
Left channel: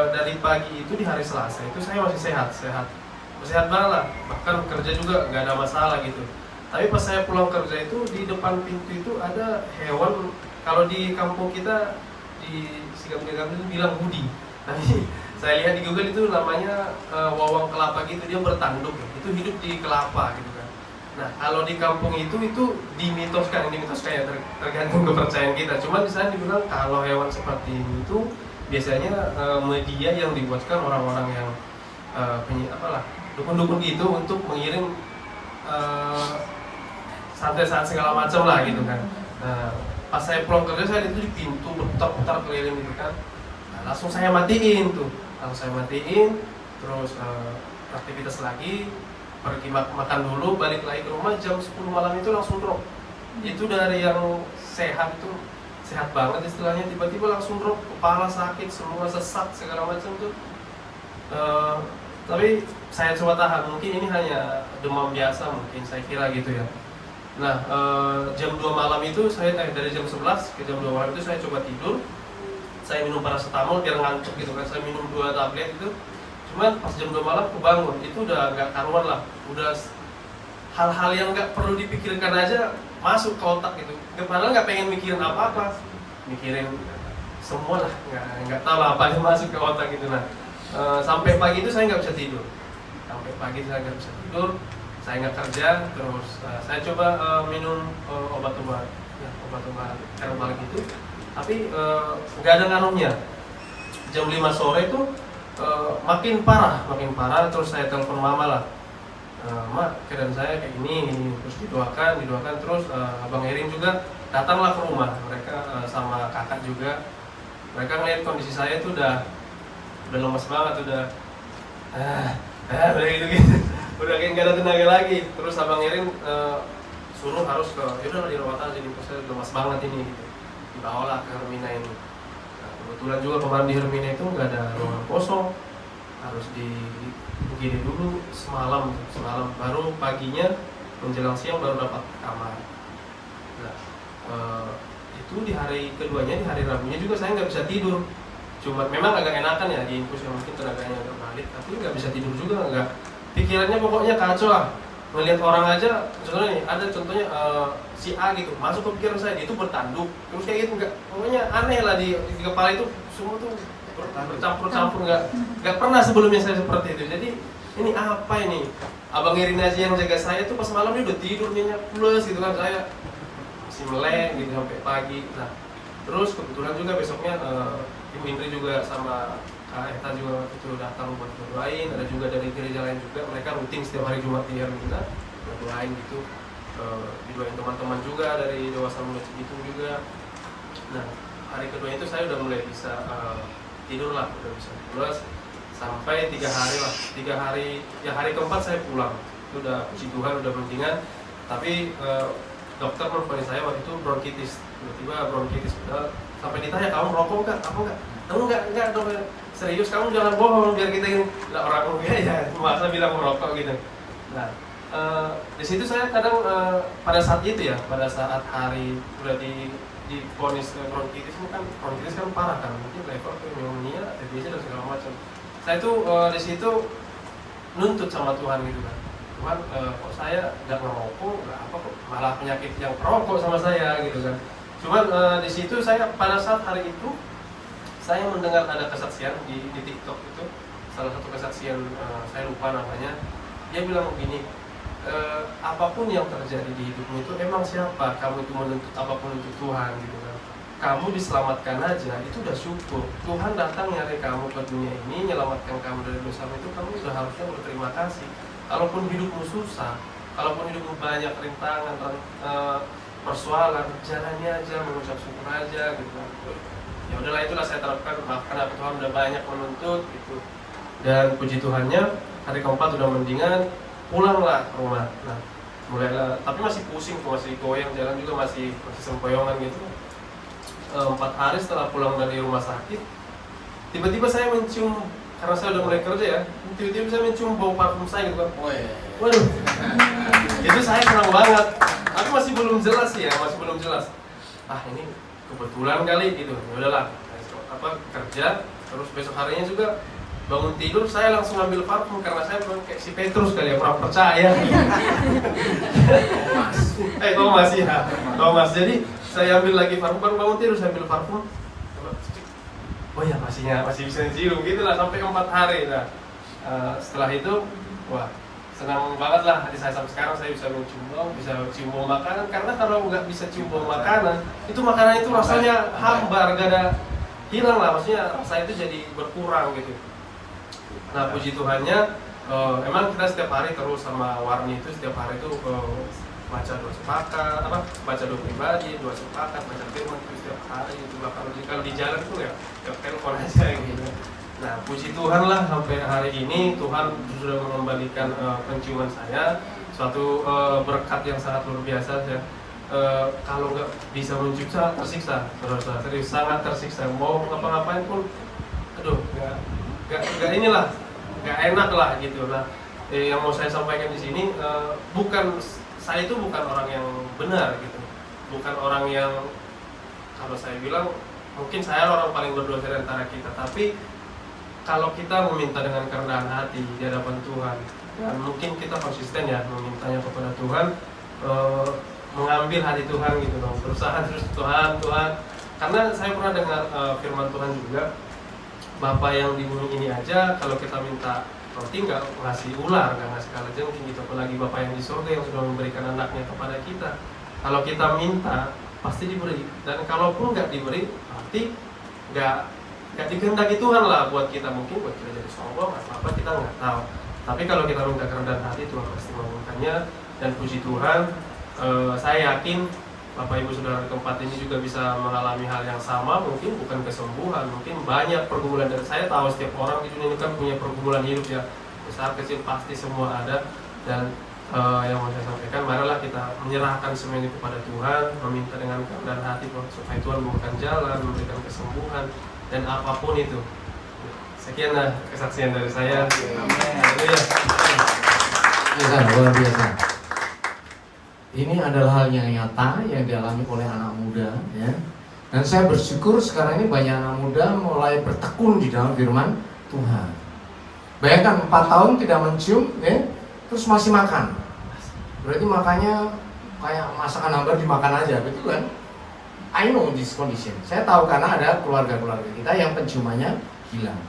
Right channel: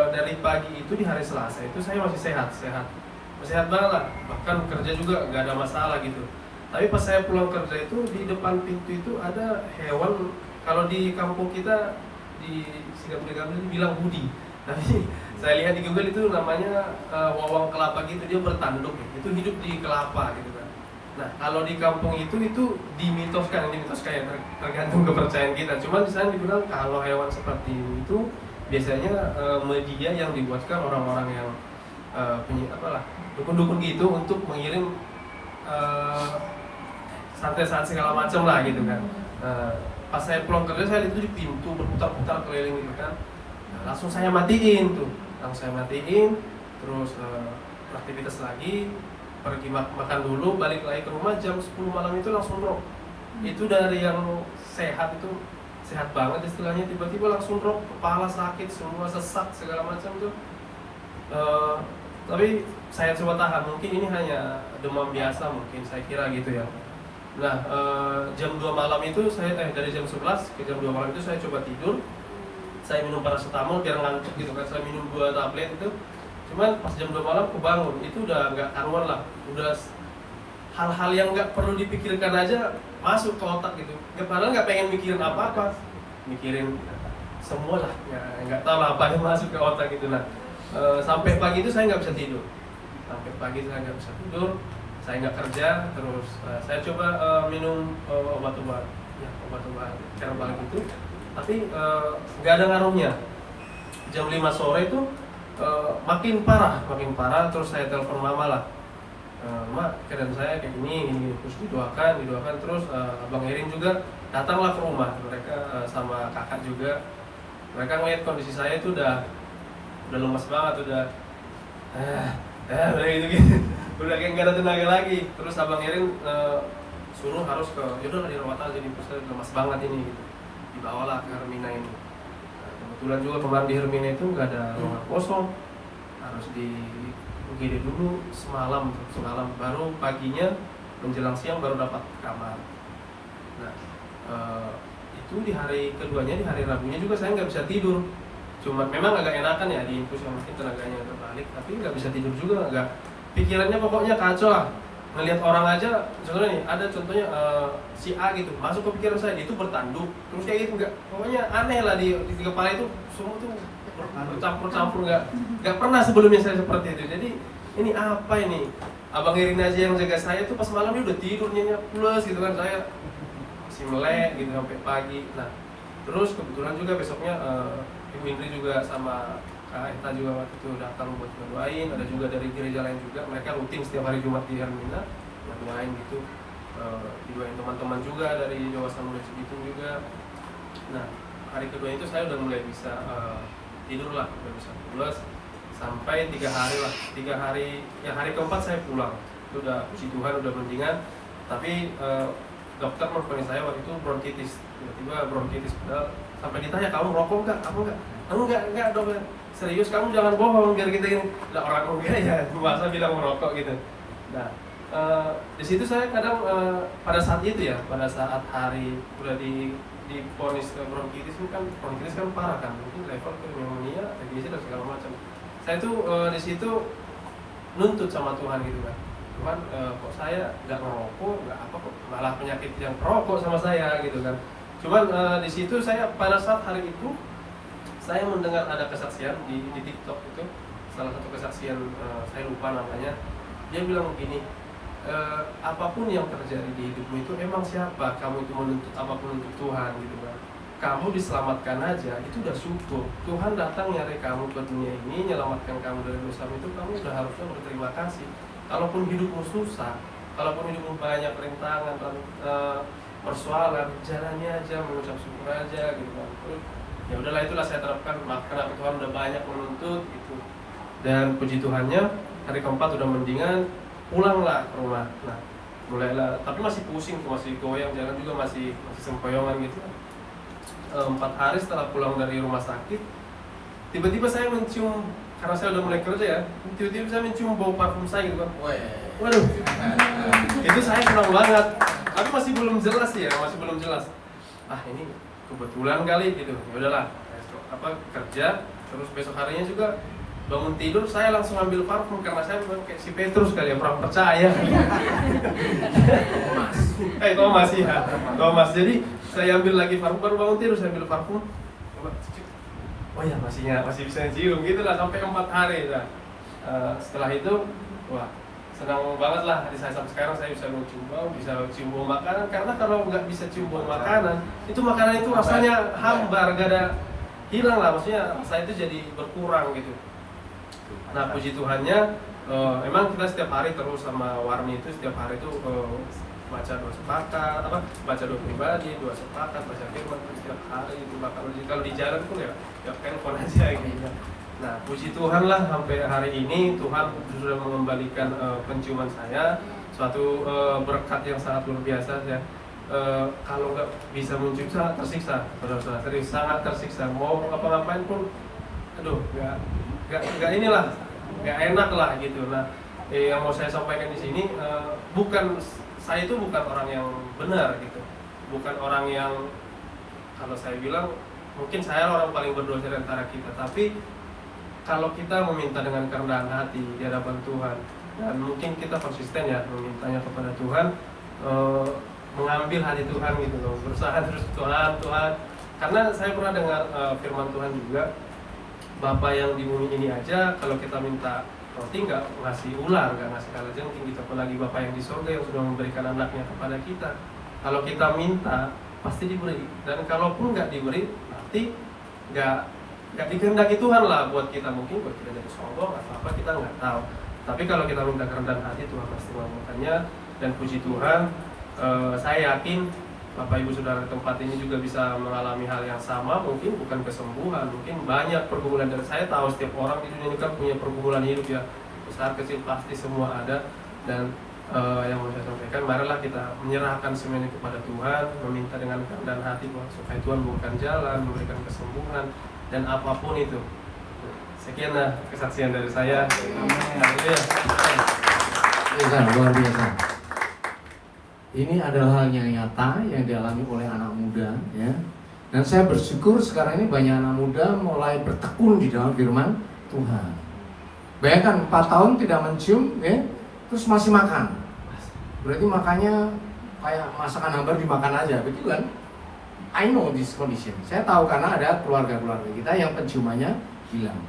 Dari pagi itu di hari Selasa itu saya masih sehat banget lah, bahkan kerja juga nggak ada masalah gitu. Tapi pas saya pulang kerja itu di depan pintu itu ada hewan, kalau di kampung kita di Singapura itu bilang hudi. Tapi saya lihat di Google itu namanya wawang kelapa gitu, dia bertanduk, itu hidup di kelapa gitu kan. Nah kalau di kampung itu dimitoskan ya, tergantung kepercayaan kita. Cuman di sana dibilang kalau hewan seperti itu biasanya media yang dibuatkan orang-orang yang dukun-dukun gitu untuk mengirim santet-santet segala macam lah gitu kan. Pas saya pulang kerja saya lihat itu di pintu berputar-putar keliling gitu kan. Nah, langsung saya matiin, terus aktivitas lagi, pergi makan dulu, balik lagi ke rumah jam 10 malam itu langsung drop. Itu dari yang sehat itu sehat banget istilahnya, tiba-tiba langsung drop, kepala sakit, semua sesak segala macam tuh. Tapi saya coba tahan, mungkin ini hanya demam biasa mungkin, saya kira gitu ya. Nah jam 2 malam itu saya dari jam 11 ke jam 2 malam itu saya coba tidur, saya minum paracetamol biar ngantuk gitu kan, saya minum 2 tablet itu. Cuman pas jam 2 malam kebangun, itu udah nggak karuan lah, udah hal-hal yang nggak perlu dipikirkan aja masuk ke otak gitu. Padahal nggak pengen mikirin apa-apa, mikirin semua lah, nggak tahu apa yang masuk ke otak gitu. Nah sampai pagi itu saya nggak bisa tidur. sampai pagi saya nggak bisa tidur, saya nggak kerja, terus saya coba minum obat-obat herbal gitu, tapi nggak ada ngaruhnya. Jam 5 sore itu makin parah, terus saya telepon mama lah, Mak, keadaan saya kayak gini, terus didoakan, terus Abang Irin juga datanglah ke rumah, mereka sama kakak juga, mereka ngeliat kondisi saya itu udah lemes banget, udah gitu, udah kayak nggak ada tenaga lagi. Terus Abang Irin suruh harus ke, yaudah dirawat aja, jadi saya lemas banget ini, gitu. Dibawalah ke Hermina ini. Nah, kebetulan juga kemarin di Hermina itu nggak ada ruangan kosong, harus di UGD dulu semalam, baru paginya menjelang siang baru dapat kamar. Nah, itu di hari keduanya, di hari Rabunya juga saya nggak bisa tidur. Cuma memang agak enakan ya di infus yang mungkin tenaganya agak balik, tapi nggak bisa tidur juga, nggak. Pikirannya pokoknya kacau lah. Melihat orang aja, contohnya nih, ada contohnya si A gitu, masuk ke pikiran saya, dia itu bertanduk, terus kayak gitu, nggak, pokoknya aneh lah di kepala itu, semua tuh bercampur-campur, nggak pernah sebelumnya saya seperti itu. Jadi ini apa ini? Abang Irin aja yang jaga saya tuh pas malam dia udah tidur nih plus gitu kan, saya masih melek gitu sampai pagi. Nah terus kebetulan juga besoknya Ibu Indri juga sama Kak Eta juga waktu itu datang buat berdoain, ada juga dari gereja lain juga, mereka rutin setiap hari Jumat di Hermina berdoain gitu, didoain teman-teman juga dari Dewasa Muda Cibitung juga. Nah hari kedua itu saya udah mulai bisa tidur lah, udah bisa pulas sampai 3 hari lah, 3 hari, ya hari keempat saya pulang, itu udah puji Tuhan udah mendingan, tapi dokter menvonis saya waktu itu bronkitis, tiba-tiba bronkitis, sampai ditanya kamu merokok nggak? Enggak dong, serius kamu jangan bohong biar kita ini, nah, orang enggak ya, masa bilang merokok gitu. Nah di situ saya kadang pada saat itu ya, pada saat hari udah di vonis bronkitis ini kan, bronkitis kan parah kan, mungkin level pneumonia, TBC dan segala macam. Saya tuh di situ nuntut sama Tuhan gitu kan, Tuhan kok saya nggak merokok, nggak apa kok malah penyakit yang perokok sama saya gitu kan. Cuman di situ saya pada saat hari itu saya mendengar ada kesaksian di TikTok itu, salah satu kesaksian saya lupa namanya, dia bilang begini, apapun yang terjadi di hidupmu itu emang siapa kamu itu menuntut apapun untuk Tuhan gitu kan. Kamu diselamatkan aja itu udah syukur. Tuhan datang nyari kamu ke dunia ini, menyelamatkan kamu dari dosa itu, kamu sudah harusnya berterima kasih. Kalaupun hidupmu susah, kalaupun hidupmu banyak rintangan atau persoalan, jalannya aja mengucap syukur aja gitu kan. Ya udahlah, itulah saya terapkan, kenapa Tuhan udah banyak menuntut gitu. Dan puji Tuhannya hari keempat udah mendingan, pulanglah ke rumah. Nah mulailah, tapi masih pusing tuh, masih goyang, jalan juga masih sempoyongan gitu. 4 hari setelah pulang dari rumah sakit, tiba-tiba saya mencium, karena saya udah mulai kerja ya, tiba-tiba saya mencium bau parfum saya gitu kan. Waduh, itu saya senang banget, tapi masih belum jelas ya, ini kebetulan kali gitu. Ya udahlah, kerja, terus besok harinya juga bangun tidur saya langsung ambil parfum, karena saya memang kayak si Petrus kali ya, kurang percaya. Thomas. Jadi saya ambil lagi parfum, baru bangun tidur saya ambil parfum. Oh ya masih bisa cium gitu lah sampai 4 hari. Nah setelah itu wah senang banget lah hati saya, sampai sekarang saya bisa mencium bau, bisa cium bau makanan, karena kalau nggak bisa cium bau makanan itu makanan itu rasanya hambar, gak ada, hilang lah, maksudnya saya itu jadi berkurang gitu. Nah puji Tuhannya emang kita setiap hari terus sama Warni itu setiap hari itu baca doa sepakat, baca doa pribadi, doa sepakat, baca firman setiap hari itu, bahkan kalau di jalan pun ya telepon aja gitu. Nah puji Tuhan lah sampai hari ini Tuhan sudah mengembalikan penciuman saya, suatu berkat yang sangat luar biasa ya. Kalau nggak bisa mencium sangat tersiksa, serius sangat tersiksa, mau ngapa-ngapain pun, aduh nggak inilah, nggak enak lah gitu. Nah yang mau saya sampaikan di sini saya itu bukan orang yang benar gitu, bukan orang yang, kalau saya bilang mungkin saya orang paling berdosa di antara kita, tapi kalau kita meminta dengan kerendahan hati di hadapan Tuhan, dan mungkin kita konsisten ya memintanya kepada Tuhan, mengambil hati Tuhan gitu loh, berusaha terus Tuhan, karena saya pernah dengar firman Tuhan juga, Bapa yang di bumi ini aja kalau kita minta roti, nggak ngasih ular, nggak ngasih kalajengking gitu. Apalagi Bapa yang di surga yang sudah memberikan anaknya kepada kita. Kalau kita minta pasti diberi, dan kalaupun nggak diberi berarti nggak dikehendaki Tuhan lah buat kita. Mungkin buat kita jadi sombong atau apa, kita nggak tahu. Tapi kalau kita minta kerendahan hati, Tuhan pasti mengabulkannya. Dan puji Tuhan, saya yakin Bapak Ibu Saudara tempat ini juga bisa mengalami hal yang sama. Mungkin bukan kesembuhan, mungkin banyak pergumulan. Dan saya tahu setiap orang di dunia ini kan punya pergumulan hidup ya, besar kecil pasti semua ada. Dan yang mau saya sampaikan, marilah kita menyerahkan semua ini kepada Tuhan, meminta dengan kerendahan hati supaya Tuhan bukakan jalan, memberikan kesembuhan dan apapun itu. Sekian kesaksian dari saya. Biasa, luar biasa. Ini adalah hal yang nyata yang dialami oleh anak muda, ya. Dan saya bersyukur sekarang ini banyak anak muda mulai bertekun di dalam firman Tuhan. Bayangkan 4 tahun tidak mencium, ya, terus masih makan. Berarti makannya kayak masakan hambar dimakan aja, betul kan? I know this condition. Saya tahu karena ada keluarga-keluarga kita yang penciumannya hilang.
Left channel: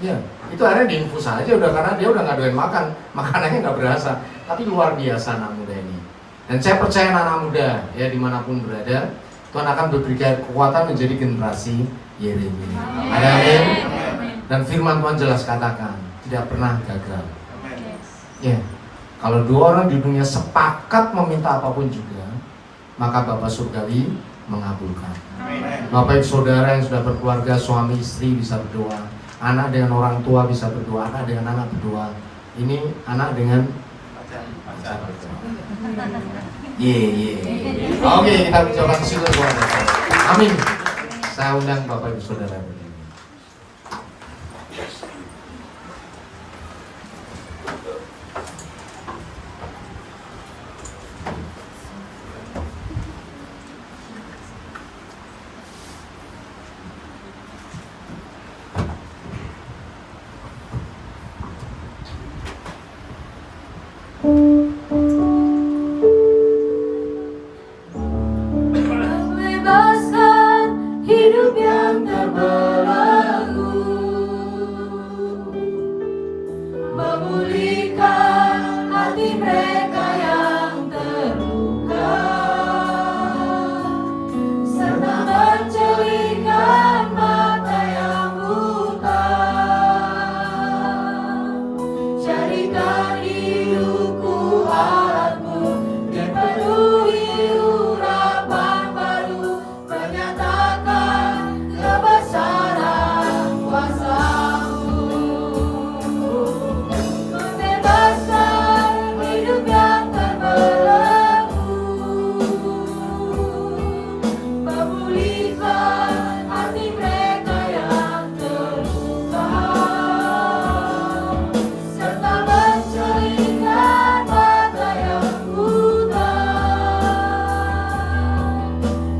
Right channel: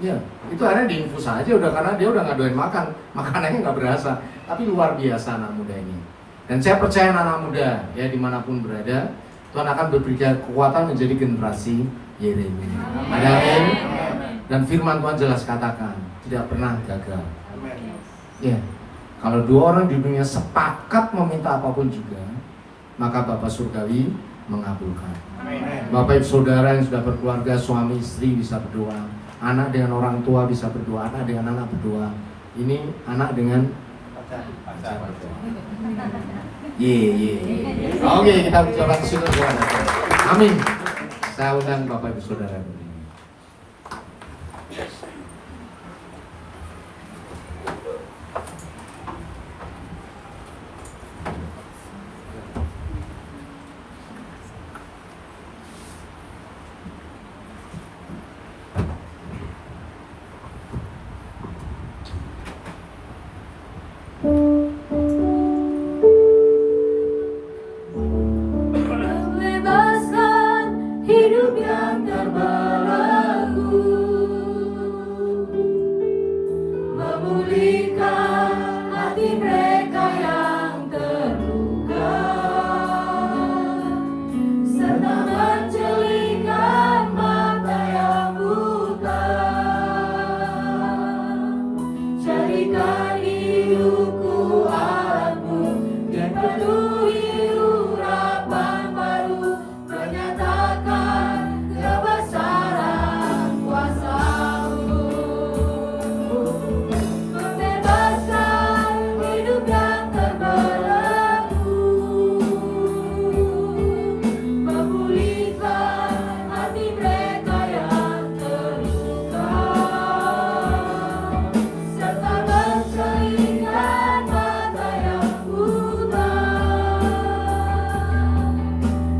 Ya, itu akhirnya diinfus aja udah, karena dia udah nggak doyan makan, makanannya nggak berasa. Tapi luar biasa anak muda ini. Dan saya percaya anak muda ya dimanapun berada, Tuhan akan berikan kekuatan menjadi generasi Yeremia. Amin. Dan firman Tuhan jelas katakan, tidak pernah gagal. Ya, kalau 2 orang di dunia sepakat meminta apapun juga, maka Bapa Surgawi mengabulkan. Bapak Ibu Saudara yang sudah berkeluarga, suami istri bisa berdoa, anak dengan orang tua bisa berdoa, anak dengan anak berdoa. Ini anak dengan pacar. Oke, kita bicara ke situ. Amin. Saya undang Bapak Ibu Saudara. Membebaskan hidup yang terbelenggu, memulihkan hati mereka yang terluka, serta menjelikan mata yang buta. Jadikan hidupku alatmu, dipenuhi urapan baru, menyatakan kebesaran kuasa-Mu. Membebaskan hidup yang terbelenggu, memulihkan hati mereka yang terluka, serta menjelikan mata yang buta.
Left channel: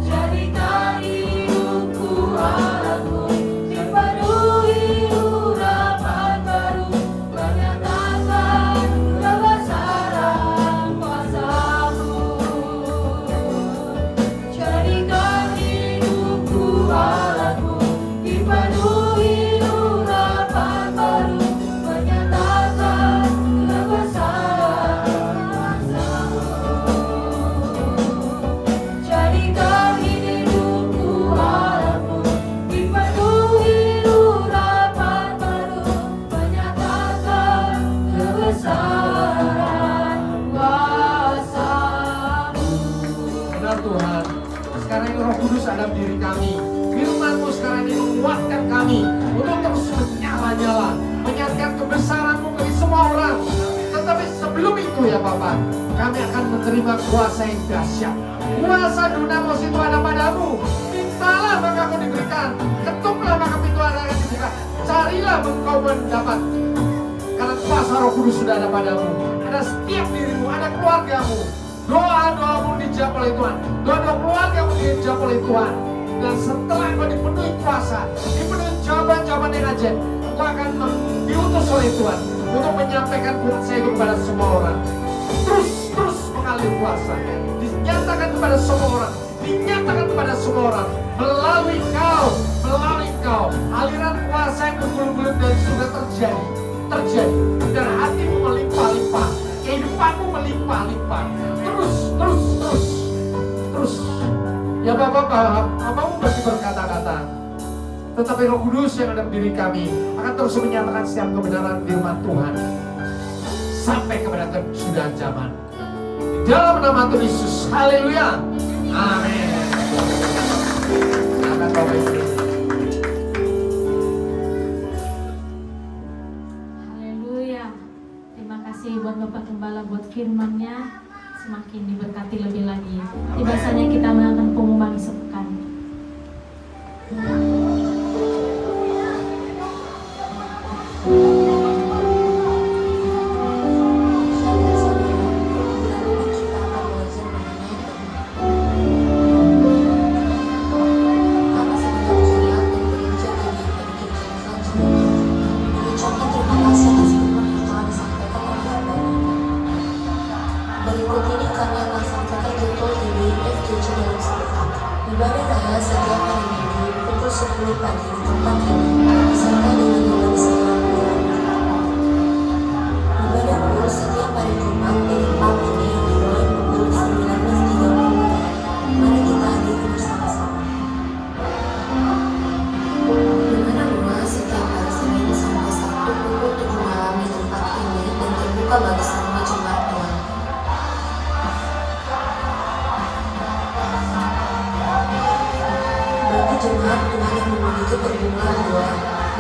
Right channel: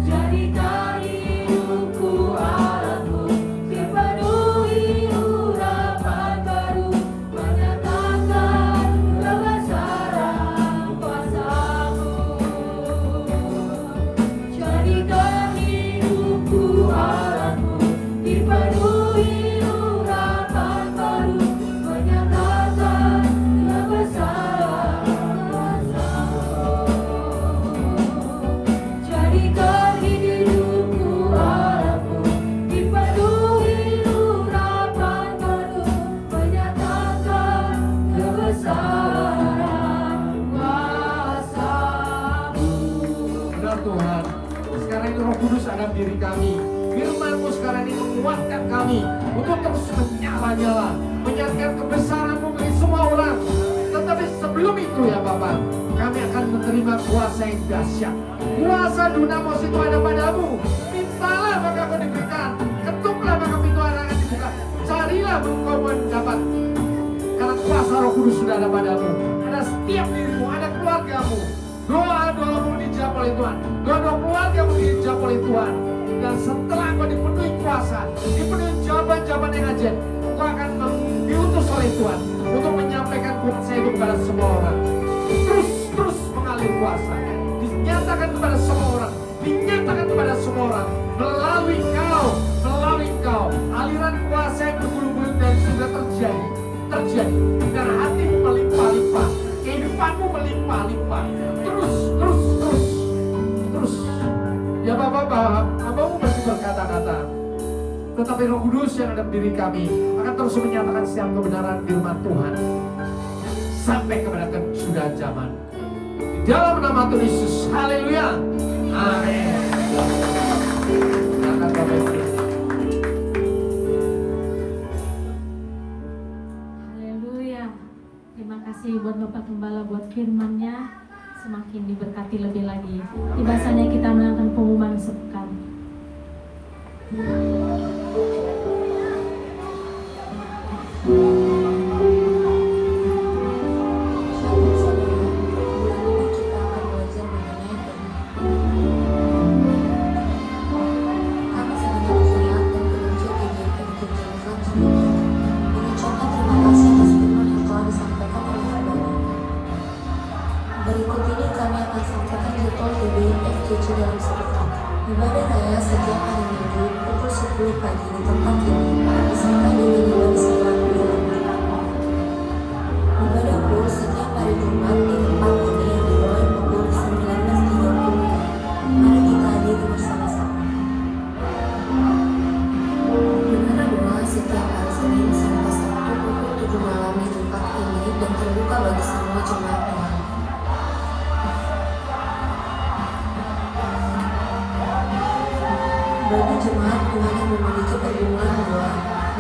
Jadikan hidupku alatmu, dipenuhi urapan baru, menyatakan kebesaran kuasa-Mu. Jadikan hidupku alatmu, dipenuhi urapan baru, menyatakan kebesaran kuasa-Mu. Jadikan hidupku alatmu, dipenuhi urapan baru, menyatakan kebesaran kuasa-Mu. Benar Tuhan. Sekarang ini Roh Kudus ada di diri kami. Firman-Mu sekarang ini menguatkan kami untuk terus menyala-nyala, menyatakan kebesaran-Mu bagi semua orang. Tetapi sebelum itu ya Bapak, kami akan menerima kuasa yang dahsyat. Kuasa dunamis itu ada padamu. Mintalah maka kamu diberikan, ketuklah maka pintu akan dibuka, carilah engkau mendapat. Karena kuasa Roh Kudus sudah ada padamu. Ada setiap dirimu, ada keluargamu. Doa-doamu dijawab oleh Tuhan. Doa-doa keluargamu dijawab oleh Tuhan. Dan setelah engkau dipenuhi kuasa, dipenuhi jawaban-jawaban yang ajaib, engkau akan diutus oleh Tuhan untuk menyampaikan kuasa itu kepada semua orang. Terus mengalir kuasa, dinyatakan kepada semua orang, dinyatakan kepada semua orang melalui kau, aliran kuasa yang betul-betul dan sudah terjadi. diri kami akan terus menyatakan setiap kebenaran firman Tuhan sampai kepada kesudahan zaman. Di dalam nama Tuhan Yesus, haleluya, amin. Haleluya. Terima kasih buat Bapak Gembala buat firman-Nya. Semakin diberkati lebih lagi. Tiba saatnya kita melakukan pengumuman sepekan. Ibadah raya setiap hari Minggu pukul 10 pagi di tempat ini disertai dengan ibadah segala penyelamatan. Ibadah pun setiap hari Jumat di tempat ini yang dimulai pukul 19.30. Mari kita hadiri bersama-sama. Ibadah doa setiap hari Senin sampai Sabtu pukul 7 malam di tempat ini dan terbuka bagi semua jemaat doa. Bagi jemaat Tuhan yang memiliki pergumulan doa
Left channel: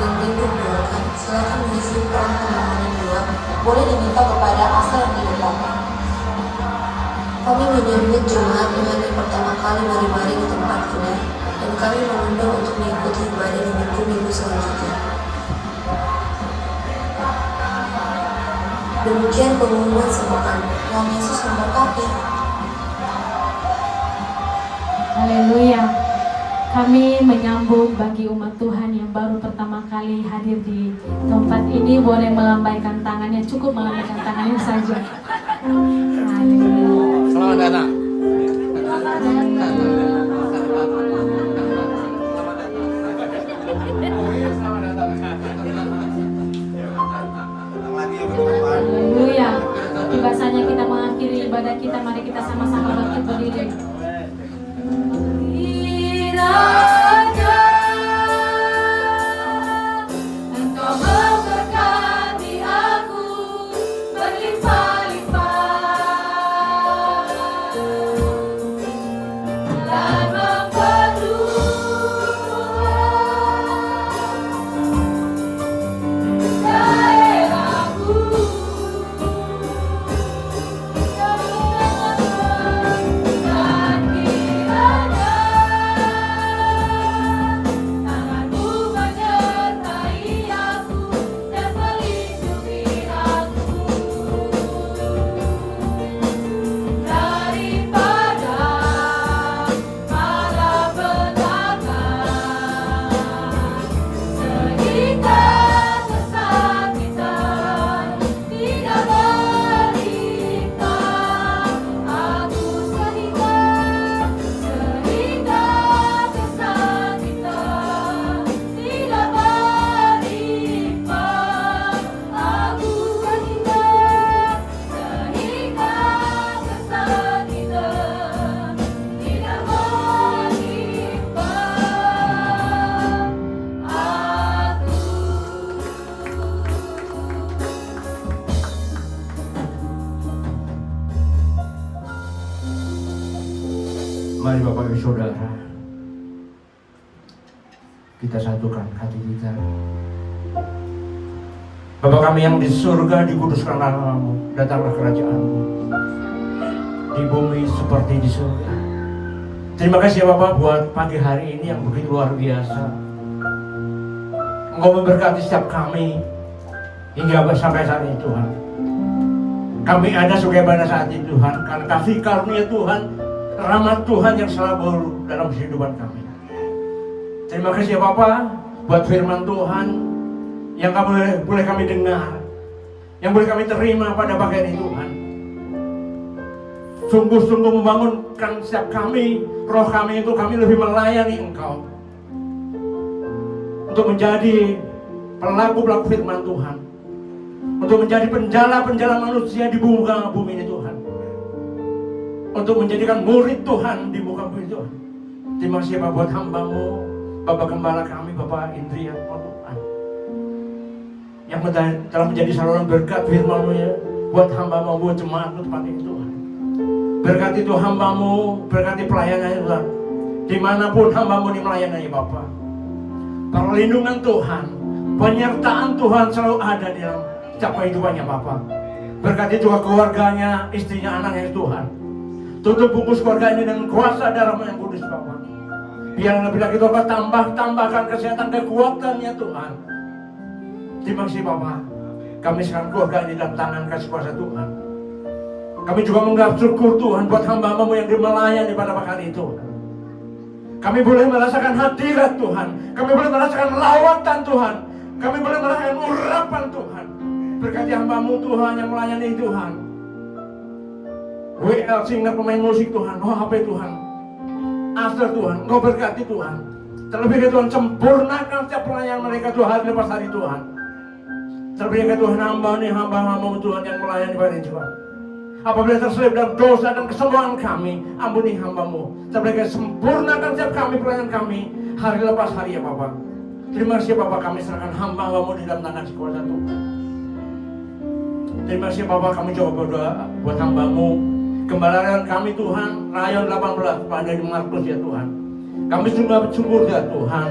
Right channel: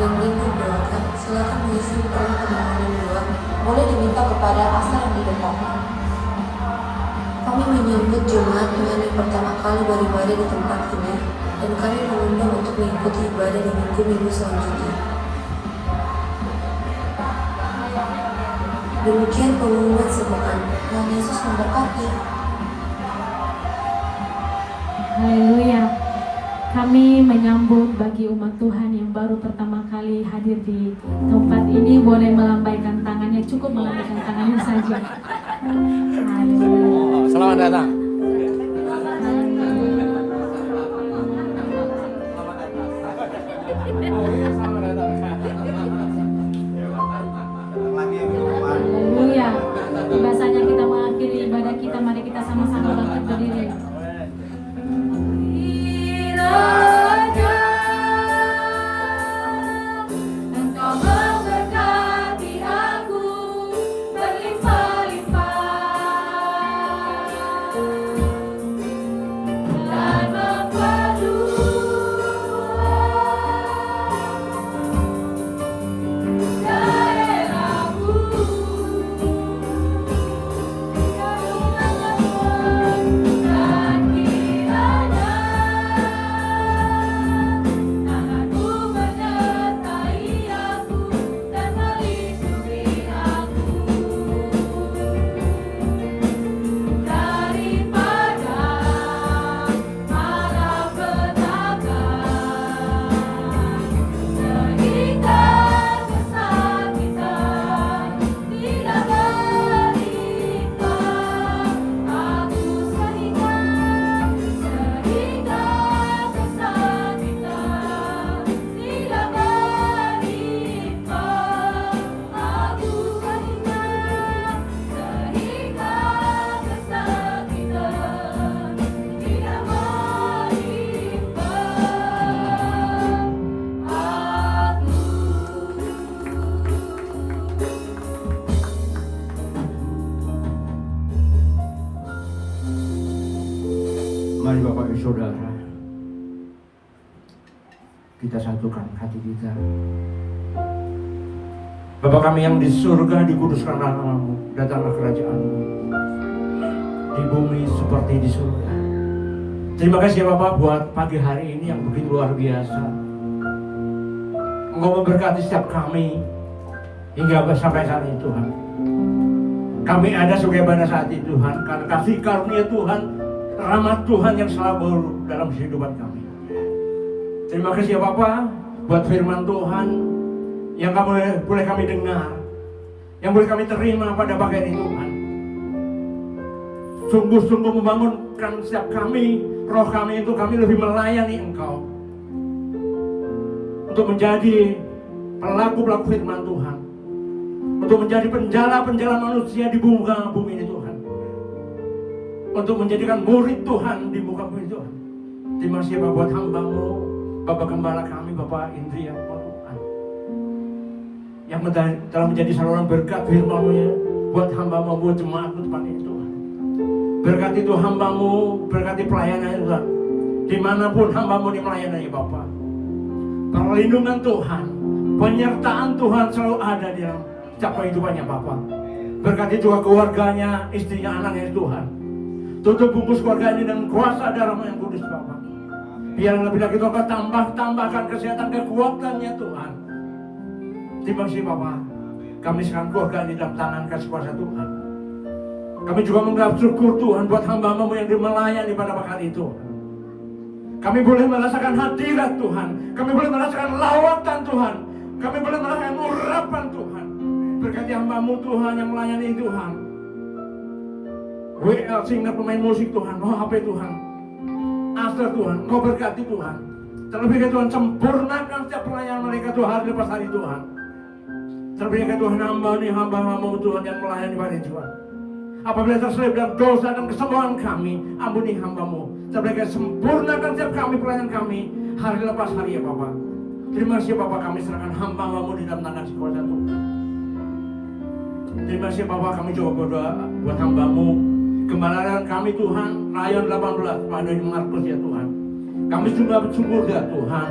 dan minggu doakan, silakan mengisi peran permohonan doa. Boleh diminta kepada pastor yang di depan. Kami menyambut jemaat Tuhan yang pertama kali mari-mari di tempat ini, dan kami mengundang untuk mengikuti ibadah di minggu-minggu selanjutnya. Demikian pengumuman sepekan. Tuhan Yesus memberkati. Haleluya. Kami menyambut bagi umat Tuhan yang baru pertama kali hadir di tempat ini, boleh melambaikan tangannya, cukup melambaikan tangannya saja. Haleluya. Selamat datang. Haleluya. Tiba saatnya kita mengakhiri ibadah kita, mari kita sama-sama bangkit berdiri. Engkau memberkati aku Mari Bapak Ibu Saudara, kita satukan hati kita. Bapa kami yang di surga, dikuduskan namamu, datanglah kerajaan-Mu di bumi seperti di surga. Terima kasih ya Bapak buat pagi hari ini yang begitu luar biasa. Engkau memberkati setiap kami hingga sampai saat ini Tuhan. Kami ada sebagai pada saat ini Tuhan, karena kasih karunia Tuhan, rahmat Tuhan yang selalu dalam kehidupan kami. Terima kasih ya Bapak buat firman Tuhan yang boleh kami dengar, yang boleh kami terima pada pagi ini Tuhan. Sungguh-sungguh membangunkan setiap kami, roh kami itu kami lebih melayani Engkau untuk menjadi pelaku-pelaku firman Tuhan, untuk menjadi penjala-penjala manusia di muka bumi ini Tuhan, untuk menjadikan murid Tuhan di muka bumi Tuhan. Terima kasih Bapak buat hamba-Mu, Bapak Gembala kami, Bapak Indri yang Tuhan. yang telah menjadi saluran berkat firman-Mu ya, buat hamba-Mu, buat jemaat-Mu tempat ini Tuhan. Berkati Tuhan hamba-Mu, berkati pelayanannya Tuhan. Dimanapun hamba-Mu melayani Bapa. Perlindungan Tuhan, penyertaan Tuhan selalu ada di dalam setiap kehidupannya Bapa. Berkati juga keluarganya, istrinya, anaknya Tuhan. Tutup bungkus keluarga ini dengan kuasa darah yang kudus Bapa. Biar lebih lagi Tuhan tambahkan kesehatan kekuatannya Tuhan. Terima kasih Bapa. Kami sekarang keluarga ini dalam tangan kasih kuasa Tuhan. Kami juga mengucap syukur Tuhan buat hamba-Mu yang melayani pada pagi itu. Kami boleh merasakan hadirat Tuhan. Kami boleh merasakan lawatan Tuhan. Kami boleh merasakan urapan Tuhan. Berkati hamba-Mu Tuhan yang melayani Tuhan. WL singer pemain musik Tuhan. Oh HP Tuhan. Aster Tuhan. Engkau berkati Tuhan. Terlebih ke Tuhan sempurnakan setiap pelayanan mereka Tuhan hari lepas hari Tuhan. Terlebih ke Tuhan hamba-Mu Tuhan yang melayani pada Tuhan. Apabila terselip dalam dosa dan kesalahan kami, ampuni hamba-Mu. Terlebih sempurnakan setiap kami pelayanan kami hari lepas hari ya Bapak. Terima kasih Bapak, kami serahkan hamba-Mu di dalam tangan kuasa Tuhan. Terima kasih Bapak, kami coba berdoa buat hamba-Mu. Kembalikan kami Tuhan, rayon 18 pada Markus ya Tuhan. Kami sungguh bersyukur ya Tuhan.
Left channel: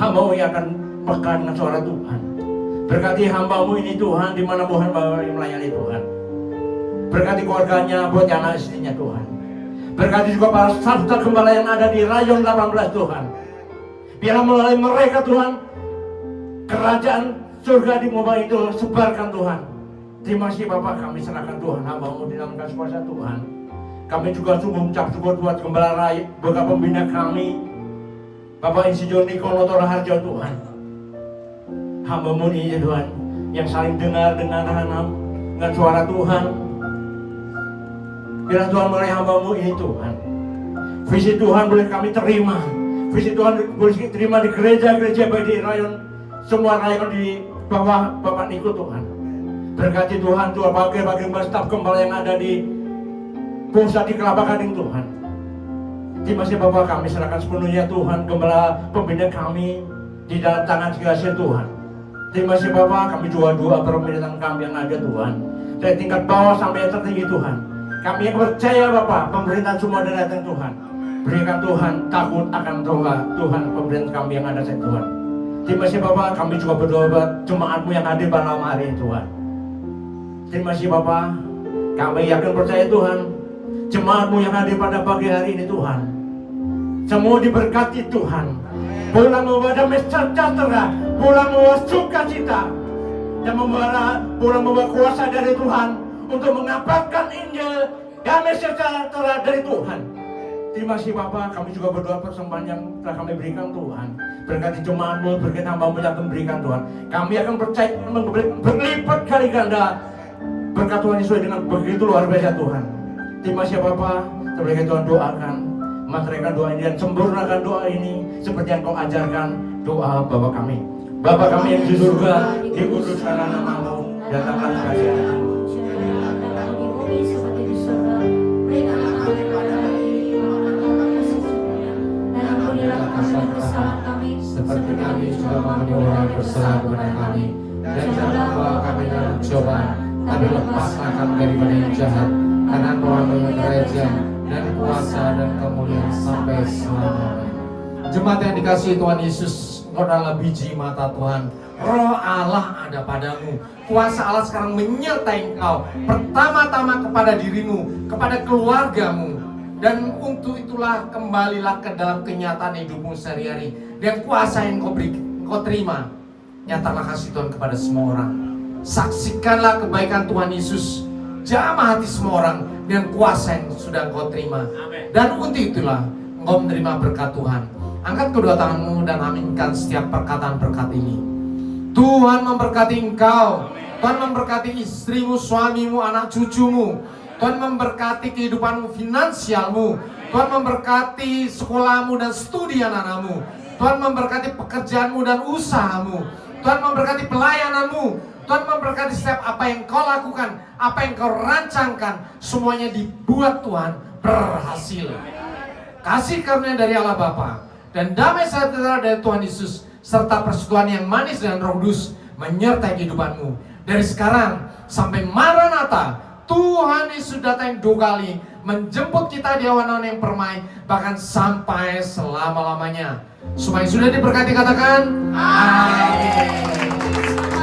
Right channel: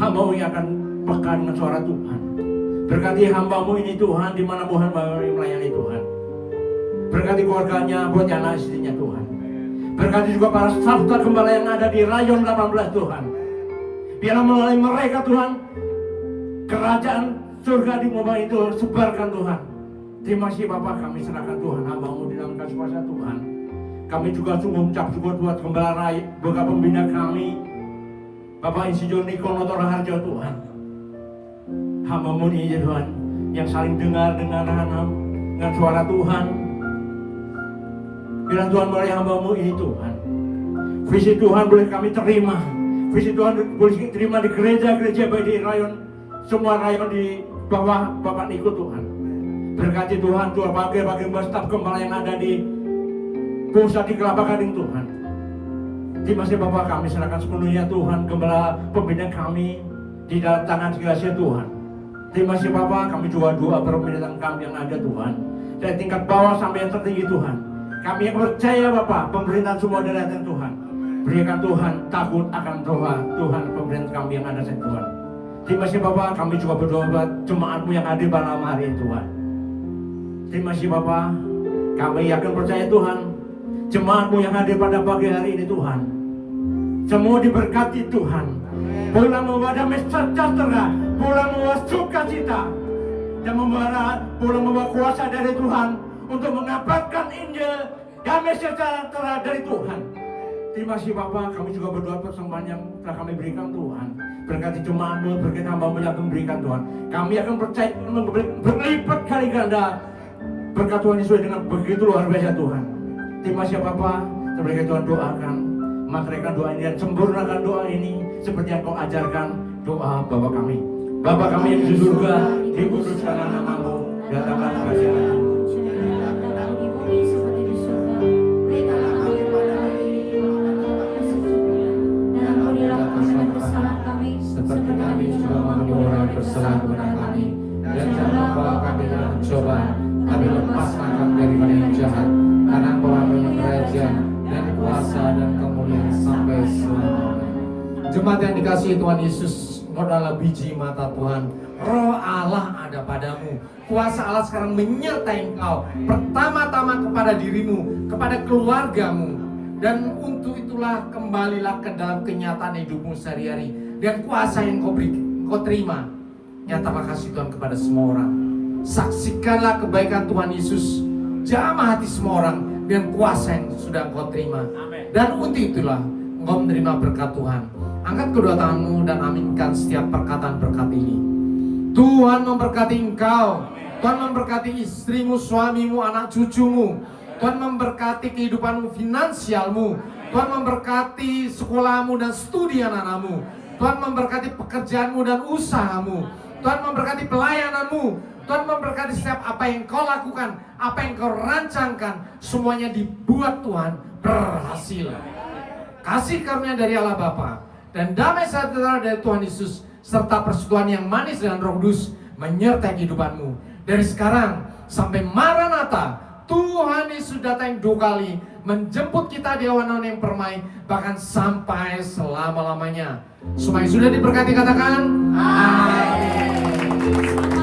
Hamba-Mu yang akan peka dengan suara Tuhan. Berkati hamba-Mu ini Tuhan, di mana Tuhan melayani Tuhan. Berkati keluarganya, buat anak istrinya Tuhan. Berkati juga para sabda gembala yang ada di rayon 18 Tuhan. Biar melalui mereka Tuhan, kerajaan surga di muka itu sebarkan Tuhan. Terima kasih Bapak, kami serahkan Tuhan, hamba-Mu di dalam kasih kuasa Tuhan. Kami juga sungguh mengucap syukur buat gembala raya, buat pembina kami, Bapak Insinyur Niko Noto Raharjo Tuhan. Hamba-Mu ini Tuhan, yang saling dengar dengan suara Tuhan. Biar Tuhan melalui hamba-Mu ini Tuhan. Visi Tuhan boleh kami terima. Visi Tuhan boleh terima di gereja-gereja baik di rayon, semua rayon di bawah Bapak Niko Tuhan. Berkati Tuhan, Tuhan bagi staf gembala yang ada di pusat di Kelapa Gading Tuhan. Terima kasih Bapak, kami serahkan sepenuhnya Tuhan, gembala pembina kami di dalam tangan kasih Tuhan. Terima kasih Bapak, kami juga doa permintaan kami yang ada Tuhan. Dari tingkat bawah sampai yang tertinggi Tuhan. Kami yang percaya Bapak, pemerintahan semua dari datang Tuhan. Berikan Tuhan takut akan doa Tuhan, pemerintahan kami yang ada Tuhan. Terima kasih Bapak, kami juga berdoa buat jemaat-Mu yang ada pada malam hari Tuhan. Terima kasih Bapak, kami yakin percaya Tuhan, jemaat-Mu yang ada pada pagi hari ini Tuhan. Semua diberkati Tuhan. Pulang membawa damai sejahtera, pulang membawa sukacita, dan pulang membawa kuasa dari Tuhan untuk mengabarkan Injil damai sejahtera dari Tuhan. Terima kasih Bapak, kami juga berdoa persembahan yang telah kami berikan Tuhan. Berkati jemaat-Mu, berkati hamba-Mu yang memberikan Tuhan. Kami akan percaya berlipat kali ganda berkat Tuhan Yesus dengan begitu luar biasa Tuhan. Terima kasih Bapak, terima Tuhan doakan. Materikan doa ini dan sempurnakan doa ini seperti yang Kau ajarkan doa Bapa kami. Bapa kami yang di surga, dikuduskan nama-Mu, datanglah kerajaan-Mu. Seperti kami juga mengampuni orang bersalah kepada kami, dan jangan membawa kami dalam cobaan, tapi lepaskan kami daripada yang jahat. Karena Engkau adalah kerajaan dan kuasa dan kemuliaan sampai selamanya. Jemaat yang dikasihi Tuhan Yesus, Engkau adalah biji mata Tuhan. Roh Allah ada padamu. Kuasa Allah sekarang menyertai engkau. Pertama-tama kepada dirimu, kepada keluargamu. Dan untuk itulah kembalilah ke dalam kenyataan hidupmu sehari-hari. Dan kuasa yang kau terima, nyatakan kasih Tuhan kepada semua orang. Saksikanlah kebaikan Tuhan Yesus, jamah hati semua orang dan kuasa yang sudah kau terima. Dan untuk itulah engkau menerima berkat Tuhan. Angkat kedua tanganmu dan aminkan setiap perkataan berkat ini. Tuhan memberkati engkau. Tuhan memberkati istrimu, suamimu, anak cucumu. Tuhan memberkati kehidupanmu, finansialmu. Tuhan memberkati sekolahmu dan studi anak-anakmu. Tuhan memberkati pekerjaanmu dan usahamu. Tuhan memberkati pelayananmu. Tuhan memberkati setiap apa yang kau lakukan, apa yang kau rancangkan, semuanya dibuat Tuhan berhasil. Kasih karunia dari Allah Bapa dan damai sejahtera dari Tuhan Yesus serta persekutuan yang manis dengan Roh Kudus menyertai kehidupanmu. Dari sekarang sampai Maranatha, Tuhan Yesus datang 2 kali menjemput kita di awan-awan yang permai, bahkan sampai selama-lamanya. Supaya sudah diberkati, katakan amin.